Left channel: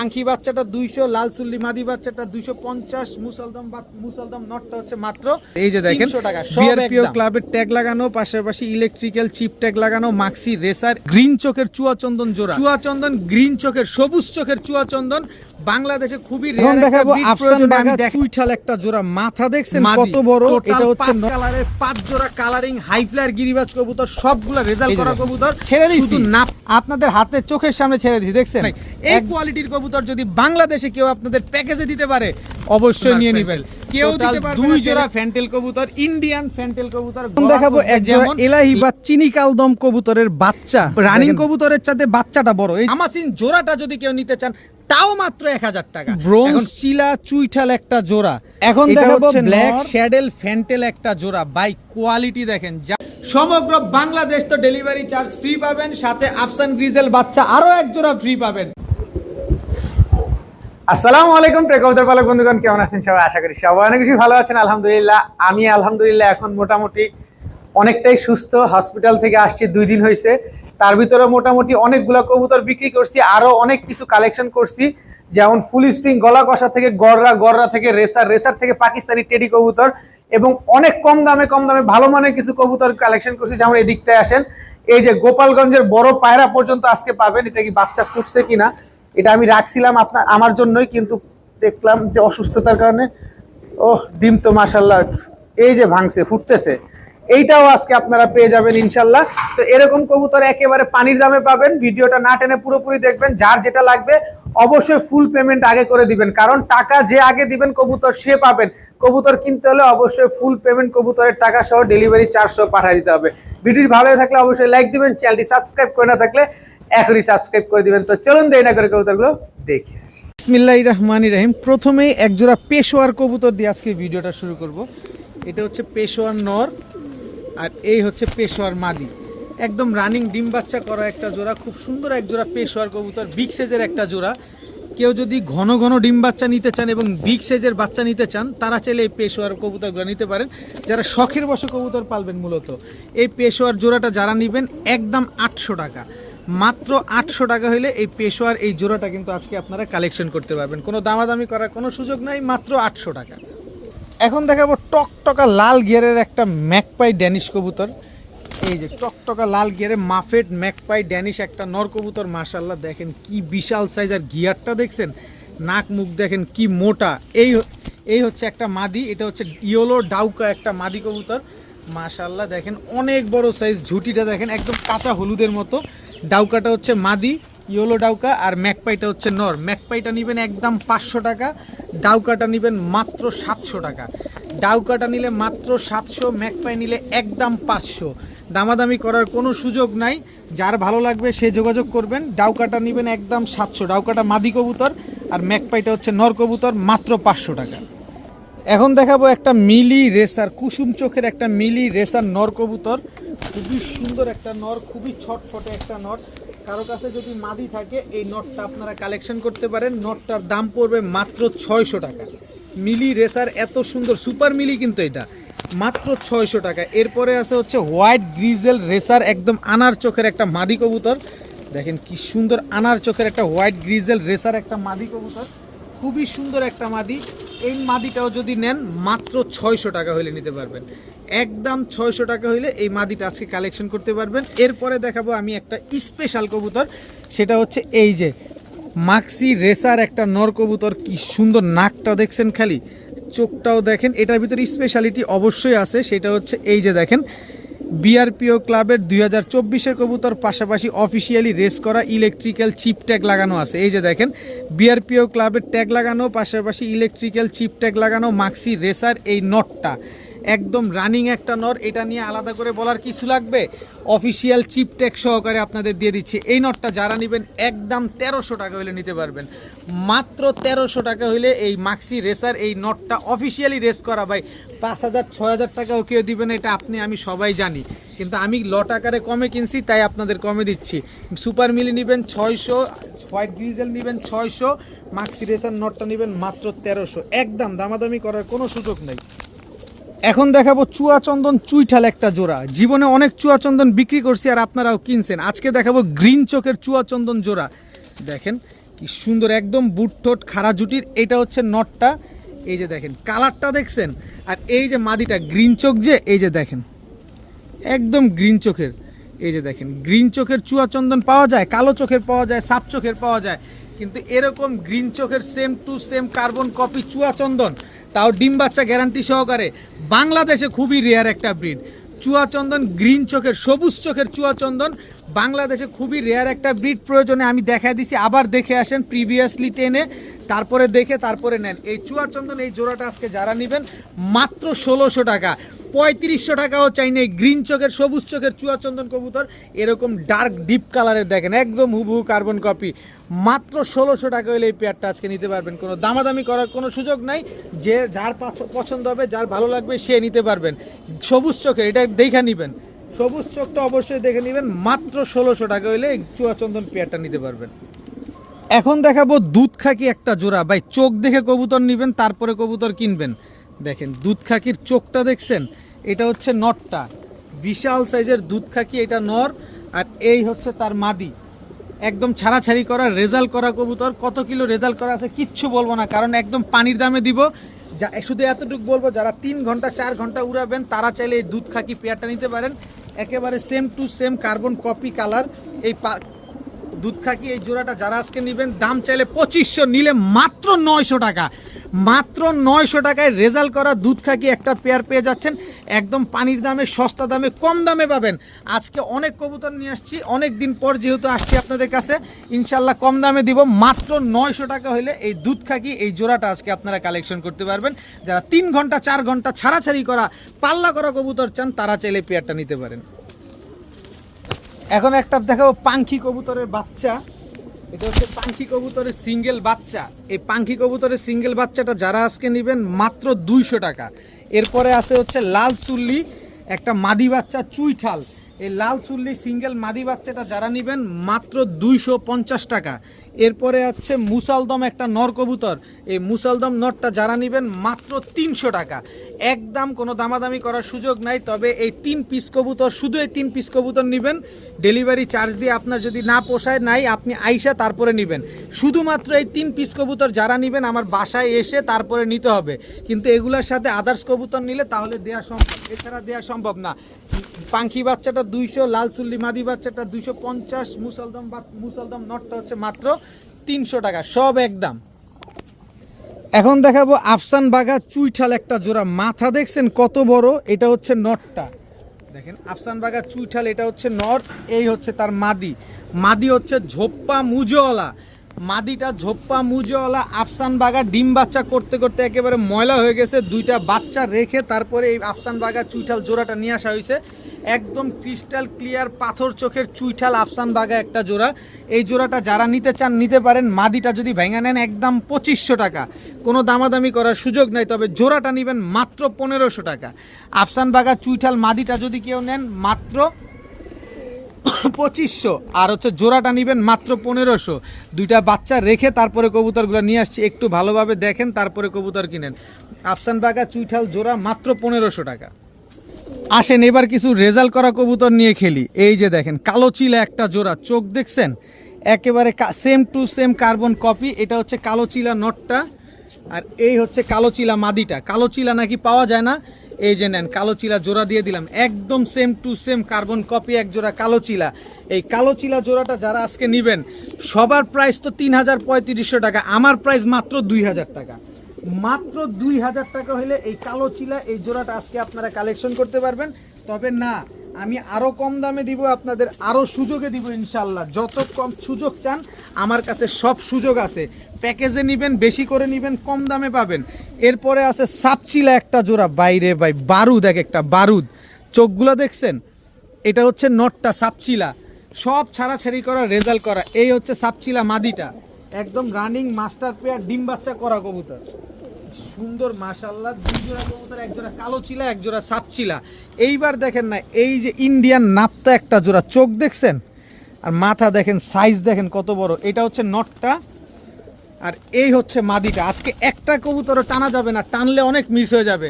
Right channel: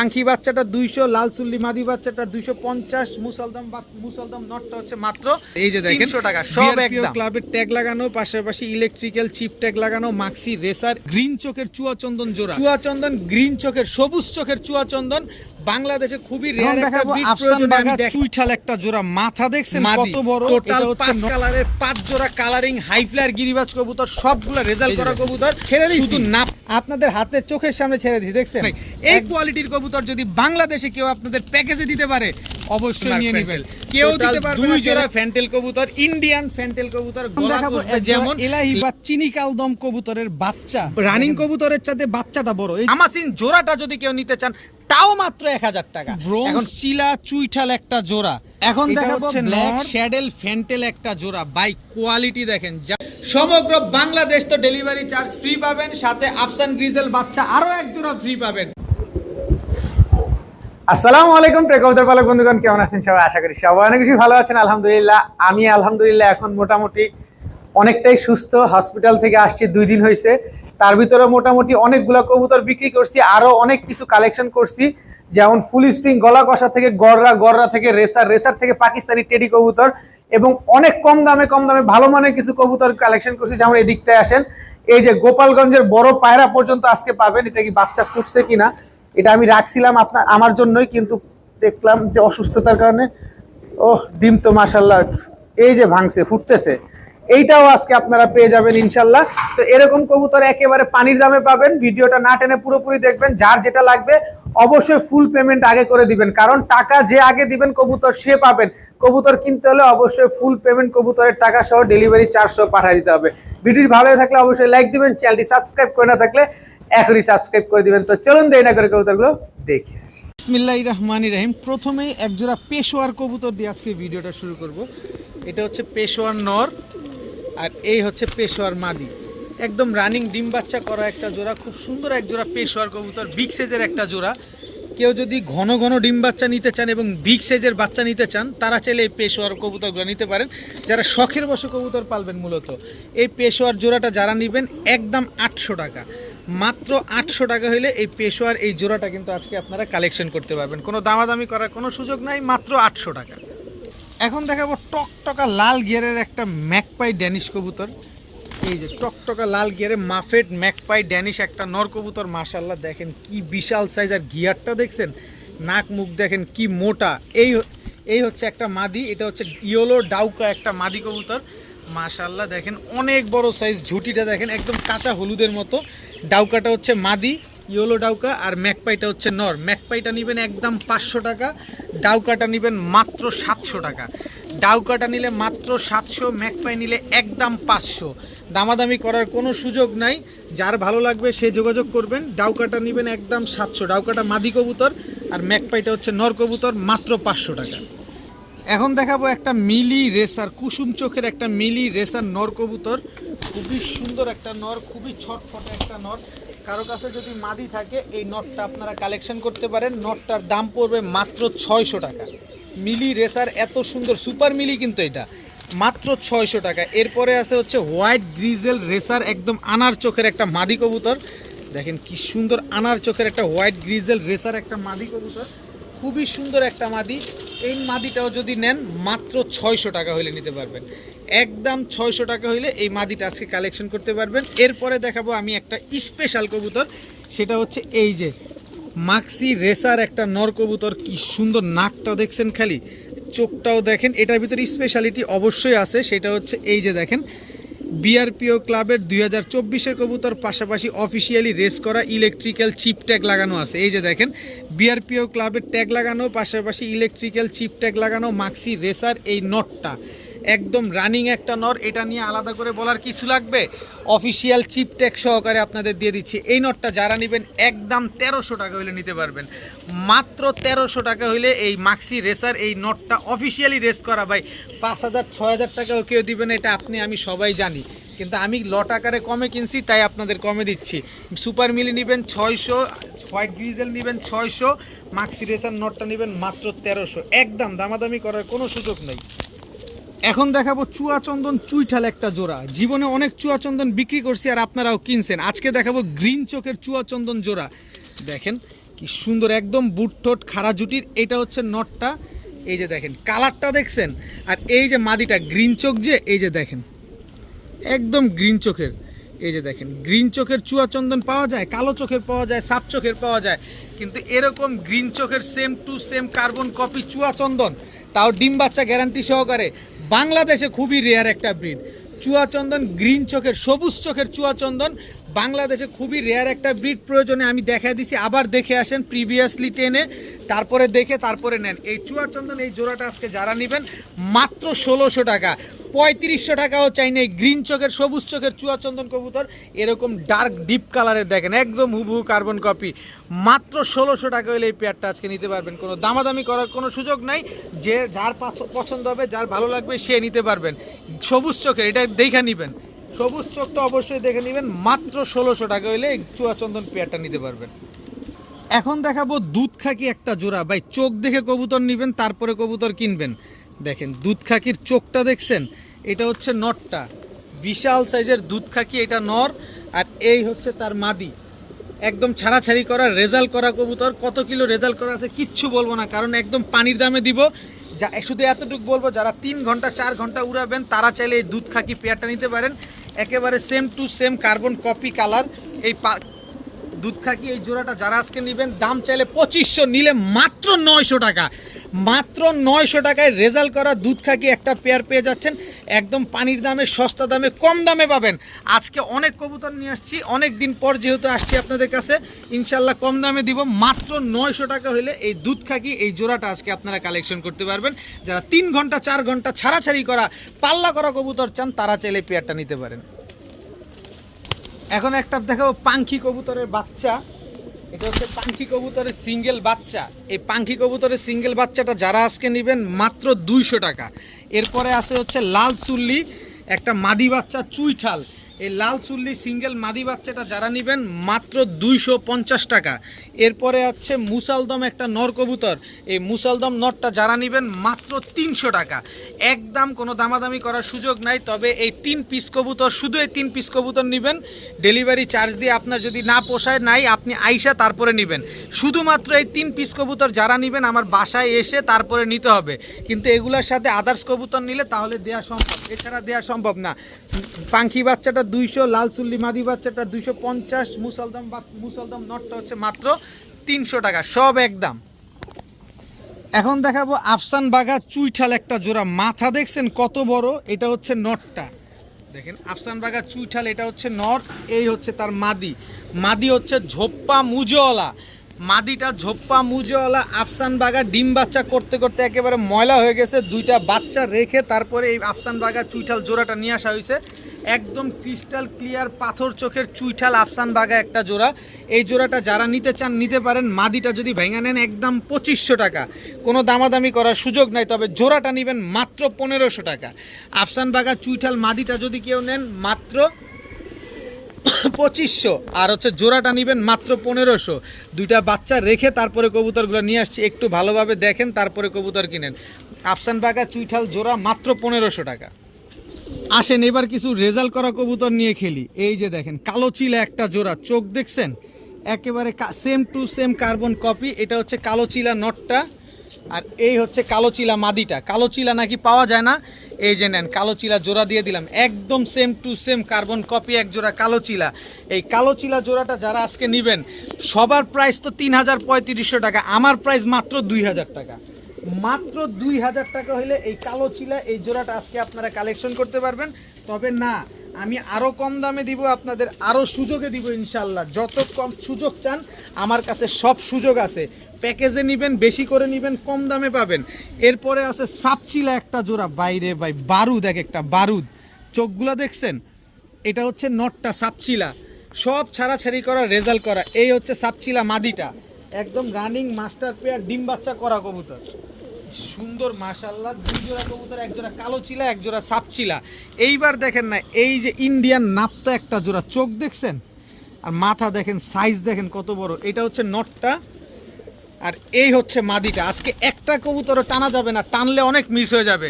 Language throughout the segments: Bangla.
পাঙ্খি বাচ্চাটা 200, লাল চুল্লি মাদি বাচ্চাটা 250, মুসলদম নটটা হচ্ছে মাত্র এই যে দেখেন 300 টাকা। সব একদম ক্লাবের ট্যাগ লাগানো, পাশাপাশি ইলেকট্রিক্যাল চিপ ট্যাগ লাগানো, মাক্সি রেসার, গ্রিন চোখের চুয়াচন্দন জোড়া, চুয়াচন্দন গ্রিন চোখের, সবুজ চোখের চুয়াচন্দন, বাংলাদেশে খুবই রেয়ার একটা ব্রিড। আফসান বাগা চুইঠাল একটা জোড়া, মাথা দেখছেন কত বড়, এটা হচ্ছে 5 কালারের 5 জোড়া কালারিং হাই ফ্লায়ার গিরিবাজ কবুতর, সবগুলো রেজাল্ট করা কবুতর। ছেড়ে দিছি না আপনাদের হাতে চোখের সামনে ছেড়ে দিছি, দেখছেন এই কোয়ালিটির কবুতর যদি বাংলাদেশে কেউ আপনাদের প্যাকেজে দিতে পারে অবশ্যই নিয়ে নেবেন। কেউ দিতে পারবে 2 জোড়া ফ্যান্টেল কবুতর, ইন্ডিয়ান ফ্যান্টেল কবুতর দেখাবো, যেমন এলাহি বা চিনি কালদম কবুতরের বাচ্চা, রানিং কবুতরের সাথে বাচ্চাটা বড়। এই আমাসিন জোড়াটা যদি কেউ নিতে চান তাও মাত্র 1000 টাকা। ব্রোঞ্জ চিলা চুইঠাল একটা জোড়া। এখন দেখাবো ব্ল্যাক শ্যাডেল ফ্যান্টেল একটা জোড়া। বাই কোয়ালিটি দেখেন, সমগ্র বাংলাদেশ তো ডেলিভারি চার্জ ফ্রি পাবেন, সাথে আফসান গ্রিজেল বাচ্চা আরো এক জোড়া ফ্রি পাবেন। আসসালামু আলাইকুম প্রিয় কবুতর পালক বন্ধুগণ, কেমন আছেন সবাই? আশা করি সবাই অনেক বেশি ভালো আছেন। আলহামদুলিল্লাহ, আমি আলহামদুলিল্লাহ এখন মোটামুটি অনেকটাই সুস্থ। হসপিটাল থেকে আসছি 2 দিন হয়েছে। তার ভিতরে মোটামুটি অনেকগুলো কবুতর বিক্রি করছি, আরো অনেক কিছু কালেকশন করছি, যেমন ফুল স্প্রিং গলা কষা থেকে গররা থেকে রেসার থেকে পাকিস্তানি টেডি কবুতর, এবং অনেক কম দামে ভালো মানের কিছু কবুতর কালেকশন করছি। যেমন এই দিকটায় আসেন, এই যে গোপালগঞ্জের বড় পায়রা পর্যন্ত আজকে পাবেন। এটা কি বাচ্চা ফুটছে কিনা, এটা আমি রাখছিলাম আমার জন্যই, কিন্তু দেখলাম যে অসুস্থতার কারণে ডিম তো মাশাআল্লাহ এই যে ভাঙছে, ফুটতেছে। এইটাও আজকে আপনারা পেয়ে যাবেন ইনশাল্লাহ। তো এরকম কবুতর একেবারে পানির দামে পাবেন। ভিডিওটা না টেনে পুরোপুরি দেখবেন। যার যেটা লাগবে অবশ্যই ফুল পেমেন্ট আগে করে দিবেন, কারণ টাকা যে আগে দিবেন কবুতর সে পাবেন। কবুতর কিনতে হলে অবশ্যই ফুল পেমেন্ট, কবুতরের টাকা সহ ডেলিভারি চার্জ সহ পাঠিয়ে দিতে হবে। ভিডিওটি ভালো থাকলে অবশ্যই লাইক দিবেন, চ্যানেলটি সাবস্ক্রাইব করে না থাকলে এখনই সাবস্ক্রাইব করে দিবেন। তো চলুন দেরি না করে কবুতরগুলো দেখে আসি। বিসমিল্লাহির রহমানির রহিম। প্রথমেই এক জোড়া পেশোয়ার কবুতর দিয়ে আজকে ভিডিওটা শুরু করব। এটা হচ্ছে পেশোয়ার নর, আর এই হচ্ছে পেশোয়ার মাদি। একদম রানিং ডিম বাচ্চা করা একটা জোড়া, খুব সুন্দর এক জোড়া পেশোয়ার কবুতর, বিগ সাইজের একটা জোড়া। কেউ যদি ঘন ঘন ডিম বাচ্চা নিতে চান এবং বিগ সাইজের বাচ্চা নিতে চান, তারা চাইলে এই পেশোয়ার কবুতরগুলো নিতে পারেন। যারা শখের বশে কবুতর পালবেন, মূলত এই পেশোয়ার জোড়াটা যারা নেবেন একদম 800 টাকা, মাত্র 800 টাকা হলে এই পেশোয়ার এই জোড়াটা কিন্তু আজকে আপনারা কালেকশন করতে পারবেন। কোনো দামাদামি করার কোনো সুযোগ নাই, মাত্র 800 টাকা। এখন দেখাবো টকটকা লাল গিয়ারের একটা ম্যাকপাই ড্যানিশ কবুতর। এই যে টকটকা লাল গিয়ারে মাফেট ম্যাকপাই ড্যানিশ একটা নর কবুতর। মাশাআল্লাহ দেখেন কি বিশাল সাইজ, আর গিয়ারটা দেখছেন, নাক মুখ দেখেন কি মোটা। এই হচ্ছে একটা মাদি, এটা হচ্ছে ইয়েলো ডাউকা একটা মাদি কবুতর। মাশাআল্লাহ দেখেন অনেক বড় সাইজ, ঝুটিটা দেখেন একদম কাঁচা হলুদের মতো। ডাউকাটা হচ্ছে মাদি ইয়েলো ডাউকা, আর ম্যাকপাইটা হচ্ছে নর। ম্যাকপাইটা নেবেন একদম 500 টাকা, ডাউকাটা নেবেন মাত্র 700 টাকা। ডাউকাটা নিলে মাত্র 700, ম্যাকপাই নিলে একদম 500। দামাদামি করার কোনো সুযোগ নাই, যার ভালো লাগবে সে যোগাযোগ করবেন। ডাউকাটা নেবেন একদম 700, ডাউকাটা মাদি কবুতর, আর ম্যাকপাইটা হচ্ছে নর কবুতর, মাত্র 500 টাকা। এখন দেখাবো একটা মিলি রেসার, কুসুম চোখের একটা মিলি রেসার নর কবুতর। খুবই সুন্দর একটা নর, খুবই ছটফটে একটা নর। কারো কাছে যদি মাদি থাকে এই নটটা আপনারা কালেকশন করতে পারেন। নটটার দাম পড়বে মাত্র 600 টাকা। মিলি রেসার এত সুন্দর, সুপার মিলি কিন্তু এটা, মাত্র 600 টাকা। এরপরে আছে হচ্ছে হোয়াইট গ্রিজেল রেসার, একদম আনার চোখের একটা মাদি কবুতর। দেখেন কি সুন্দর আনার চোখের একটা হোয়াইট গ্রিজেল রেসার একটা মাদি কবুতর, খুবই সুন্দর একটা মাদি। এই মাদিটাও যদি নেন মাত্র 600 টাকা হলে নিতে পারবেন, একদম 600 টাকা হইলে এই মাদিটা আজকে কালেকশন করতে পারবেন। এরপরে দেখাবো আমি একটা স্পেশাল কবুতর, সেটা হচ্ছে এই যে মাক্সি রেসার একটা নর কবুতর। কি সুন্দর নাকটা দেখছেন, খালি চোখটাও দেখেন। এটার ভিতরে স্পেশালিটি অবশ্যই আছে, সেটা হচ্ছে এই যে দেখেন বিআরপিও ক্লাবের 2024-এর কবুতর, পাশাপাশি অফিসিয়ালি রেস করা ইলেকট্রিক্যাল চিপ ট্যাগ লাগানো আছে। এই যে দেখেন বিআরপিও ক্লাবের ট্যাগ লাগানো, পাশাপাশি ইলেকট্রিক্যাল চিপ ট্যাগ লাগানো মাক্সি রেসার এই নটটা একদম রানিং একটা নর। এটা নিয়ে আলাদা করে বলার কিছু লাগবে, অফিসিয়াল চিপ ট্যাগ সহকারে আপনাদের দিয়ে দিচ্ছি। এই নটটা যারা নেবেন একদম 1300 টাকা হলে নিতে পারবেন, মাত্র 1300 টাকা হইলে এই মাক্সি রেসার এই নটটা অফিসিয়ালি রেস করা। ভাই 5000-6000 টাকাও কেউ দিবেন, এটা আমি সবাই জানি, কিন্তু আমি লট আকারে কমে কিনছি তাই আপনাদের কমে দিচ্ছি। সুপার মিলি নেবেন 600, হোয়াইট গ্রিজেল নেবেন 600, মাক্সি রেসার নটটা নেবেন মাত্র 1300। একদম দামাদামি করার কোনো সুযোগ নেই। এখন দেখাবো চুয়াচন্দন চুইঠাল একটা জোড়া। জীবনে অনেক চুয়াচন্দন বিক্রি করছি আর আপনারাও কিনছেন। আজকে দেখাবো গ্রিন চোখের চুয়াচন্দন জোড়া। দেখেন কি সুন্দর একদম বুট ঠোঁট খাড়া জুটির। এটা হচ্ছে নটটা, এই যে দেখেন কালারটা দেখছেন। আর এই যে মাদিটা গ্রিন চোখ, যে এই যে দেখেন একদম গ্রিন চোখের, এই যে দেখেন গ্রিন চোখের চুয়া চন্দন পাওয়া যায়, কালো চোখের পাওয়া যায়, সাপ চোখের পাওয়া যায়, কিন্তু এরকম গ্রিন চোখের same to same carbon copy চুয়া চন্দন, তাও ডিম বাচ্চা গ্যারান্টি সহকারে, বাংলাদেশে খুবই রেয়ার একটা ব্রিড। চুয়া চন্দন গ্রিন চোখের সবুজ চোখের চুয়া চন্দন বাংলাদেশে খুবই রেয়ার একটা ব্রিড। প্রয়োজনে আমি দেখা দিছি, আবার দেখে আসেন প্রিভিয়াসলি টেনে, তারপরে দেখে তারপরে নেন। এই চুয়া চন্দন এই জোড়াটা আজকে যারা নেবেন মাত্র 1600 টাকা, 3500 টাকাও চাই না। এই গ্রিন চোখের সবুজ চোখের চুয়া চন্দন কবুতর এরকম ডার্ক ডিপ কালারের দেখেন একদম হুবহু কার্বন কপি, মাত্র 1600 টাকা হলে এই পেয়ারটা আজকে নিতে পারবেন। কোনো দামাদামি করার কোনো সুযোগ নাই, যে যার পছন্দ হবে যার ভালো লাগবে সে নিতে পারবেন। সবুজ চোখের এটা দেখে নেবেন, সবুজ চোখটা অবশ্যই দেখে নেবেন, মাত্র 1600 টাকা হলে এই চুয়া চন্দন পেয়ারটা নিতে পারবেন। এখন দেখাবো দুধ খাকি একটা জোড়া, ভাই চোখ দেখে কবুতর নেবেন তারপরে কবুতর কিনবেন। দেখেন দুধ খাকির চোখটা দেখছেন, এটা হচ্ছে নরটা, বিশাল সাইজের দুধ খাকি, এটা নর। আর এই হচ্ছে তার মাদি, একদম ছাড়াছাড়ি করা রেজাল্ট করা কবুতর। কত কিলো রেজাল্ট করা আছে কিচ্ছু বলবো না, কারণ একদম পানির দামে দিব। যা শুধু এতটুকু বলবো, যারা 3 ঘন্টা 4 ঘন্টা উড়াবেন তারা চাইলে এই দুধ খাকি পেয়ারটা নিতে পারেন। একেবারে same to same carbon copy colour এই দুধ খাকি এই জোড়াটা যারা আজকে নেবেন, দাম চাইলে 2500, নিলে মাত্র 900 টাকা, মাত্র 900 টাকায় রেজাল্ট করা দুধ খাকি একটা পেয়ার পেয়ে যাচ্ছেন একদম পানির দামে, সস্তা দামে, কম দামে পাবেন। আজকে অনেক কবুতর নিয়ে আসছি, অনেক দিন পর যেহেতু আসছি আপনাদের কাছে, ইনশাল্লাহ কম দামে দিব। মাত্র 900 টাকা হলে এই দুধ খাকি এই জোড়াটা আজকে আপনারা কালেকশন করতে পারবেন। যারা 3 ঘন্টা 4 ঘন্টা ছাড়াছাড়ি করা পাল্লা করা কবুতর চান তারা চাইলে পেয়ারটা নিতে পারেন। এখন একটা দেখাবো পাঙ্খি কবুতরের বাচ্চা, এটা হচ্ছে পাঙ্খি কবুতরের সিঙ্গেল বাচ্চা। এই পাঙ্খি কবুতরের সিঙ্গেল বাচ্চাটা যারা আজকে নেবেন মাত্র 200 টাকা। এরপরে আছে হচ্ছে লাল চুল্লি একটা মাদি বাচ্চা চুইঠাল, এই লাল চুল্লি সিঙ্গেল মাদি বাচ্চাটা যারা নেবেন মাত্র 250 টাকা। এরপরে আছে মুসালদম একটা নর কবুতর, এই মুসালদম নরটা যারা নেবেন মাত্র 300 টাকা, একদম কোনো দামাদামি করার সুযোগ নাই। তবে এই 3 পিস কবুতর, শুধু এই 3 পিস কবুতর নেবেন, ডেলিভারি চার্জ দিয়ে আপনার যদি না পোষায় নাই আপনি আইসা তারপরে নেবেন। শুধুমাত্র এই 3 পিস কবুতর যারা নেবেন আমার বাসায় এসে তারপরে নিতে হবে, কিন্তু এগুলোর সাথে আদার্স কবুতর নিলে তাহলে দেওয়া সম্ভব, এছাড়া দেওয়া সম্ভব না। পাঙ্খি বাচ্চাটা 200, লাল চুল্লি মাদি বাচ্চাটা 250, মুসলদম নটটা হচ্ছে মাত্র 300 টাকা, সব একদম। এখন দেখাবো আফসান বাঘা চুইঠাল একটা জোড়া, মাথা দেখছেন কত বড়, এটা হচ্ছে নটটা। দেখেন আফসান বাঘা চুইঠাল, এটা হচ্ছে নর, এই হচ্ছে তার মাদি। মাদি হচ্ছে ঝোপ্পা মুজওয়ালা, মাদিটা ঝোপ্পা মুজওয়ালা। আফসান বাঘা ডিম বাচ্চা করতে করতে একেবারে ময়লা হয়ে গেছে, 2টা বাচ্চা রেখে তারপরে এই আফসান বাঘা চুইঠাল জোড়াটা নিয়ে আসা হয়েছে। একদম ক্রিস্টাল ক্লিয়ার পাথর চোখের চুইঠাল আফসান বাঘা একটা জোড়া। এই জোড়াটা যারা নিতে চান নিতে পারেন। মাদিটা যদি ভেঙে নেন একদম 2500 টাকা, কোনো দামাদামি করার সুযোগ নাই। তবে জোড়াটা নেবেন মাত্র 1500 টাকা। আফসান বাঘা চুইঠাল মাদিটা যদি কেউ নেন মাত্র 2500, আর হচ্ছে জোড়াটা নেবেন মাত্র 1500। 2টা বাচ্চা রেখে তারপরে কবুতরগুলো নিয়ে আসছি, একটু ভালোভাবে দেখেন তারপরে কবুতর কিনেন। আফসান বাঘা চুইঠাল জোড়া মাত্র 1500 টাকা। আসেন এবার কিছু রেজাল্ট করা কবুতর নিয়ে খেলি। এই যে দেখেন কালো চিলা একটা জোড়া, চোখ দেখছেন একেবারে same to same carbon copy. এটা হচ্ছে কালো চিলা নটটা, আর এই হচ্ছে কালো চিলা মাদিটা। কালো চিলা নাকি পাওয়া যায় না, এই যে নেন কালো চিলা জোড়া দিয়ে দিলাম, একদম same to same carbon copy এক জোড়া কালো চিলা। এই কালো চিলা জোড়াটা যারা আজকে নেবেন সবার প্রাইস তো 3500 টাকা, আমার প্রাইস মাত্র 2000 টাকা, মাত্র 2000 টাকা হলে এই কালো চিলা এই জোড়াটা আজকে আপনারা কালেকশন করতে পারবেন। তবে না, আমি আরও কম দামে দিব আপনাদের, আরও সুযোগে দিব ইনশাল্লাহ। যত কম সুযোগ চান আমার কাছে সব সুযোগ আছে, প্যাকেজে নেবেন বেশি করে নেবেন কম দামে পাবেন। এরপরে আছে সাপচিলা একটা জোড়া, বাইরে ভাই বারুদ, এক একটা বারুদ, চোখগুলো দেখছেন, এটা হচ্ছে নটটা সাপচিলা, সব ছাড়াছাড়ি করা রেজাল্ট করা। এই হচ্ছে সাপচিলা মাদিটা, একদম রানিং মাস্টার পেয়ার ডিম বাচ্চা করা কবুতর, সুন্দর মাশাআল্লাহ। 2 জোড়া কবুতর, এক জোড়া কালো চিলা এক জোড়া সাপচিলা। এইবার দেখেন না, এই যে ইন্ডিয়ান নাপ্তা একটা জোড়া, চোখ দেখছেন আর মাথা দেখেন, সাইজ দেখেন কত বড়। এটা হচ্ছে নটটা, আর এই হচ্ছে মাদিটা। আজকে একটা কবুতরও টানা যাবে না, টানলে অনেক মিস হয়ে যাবে।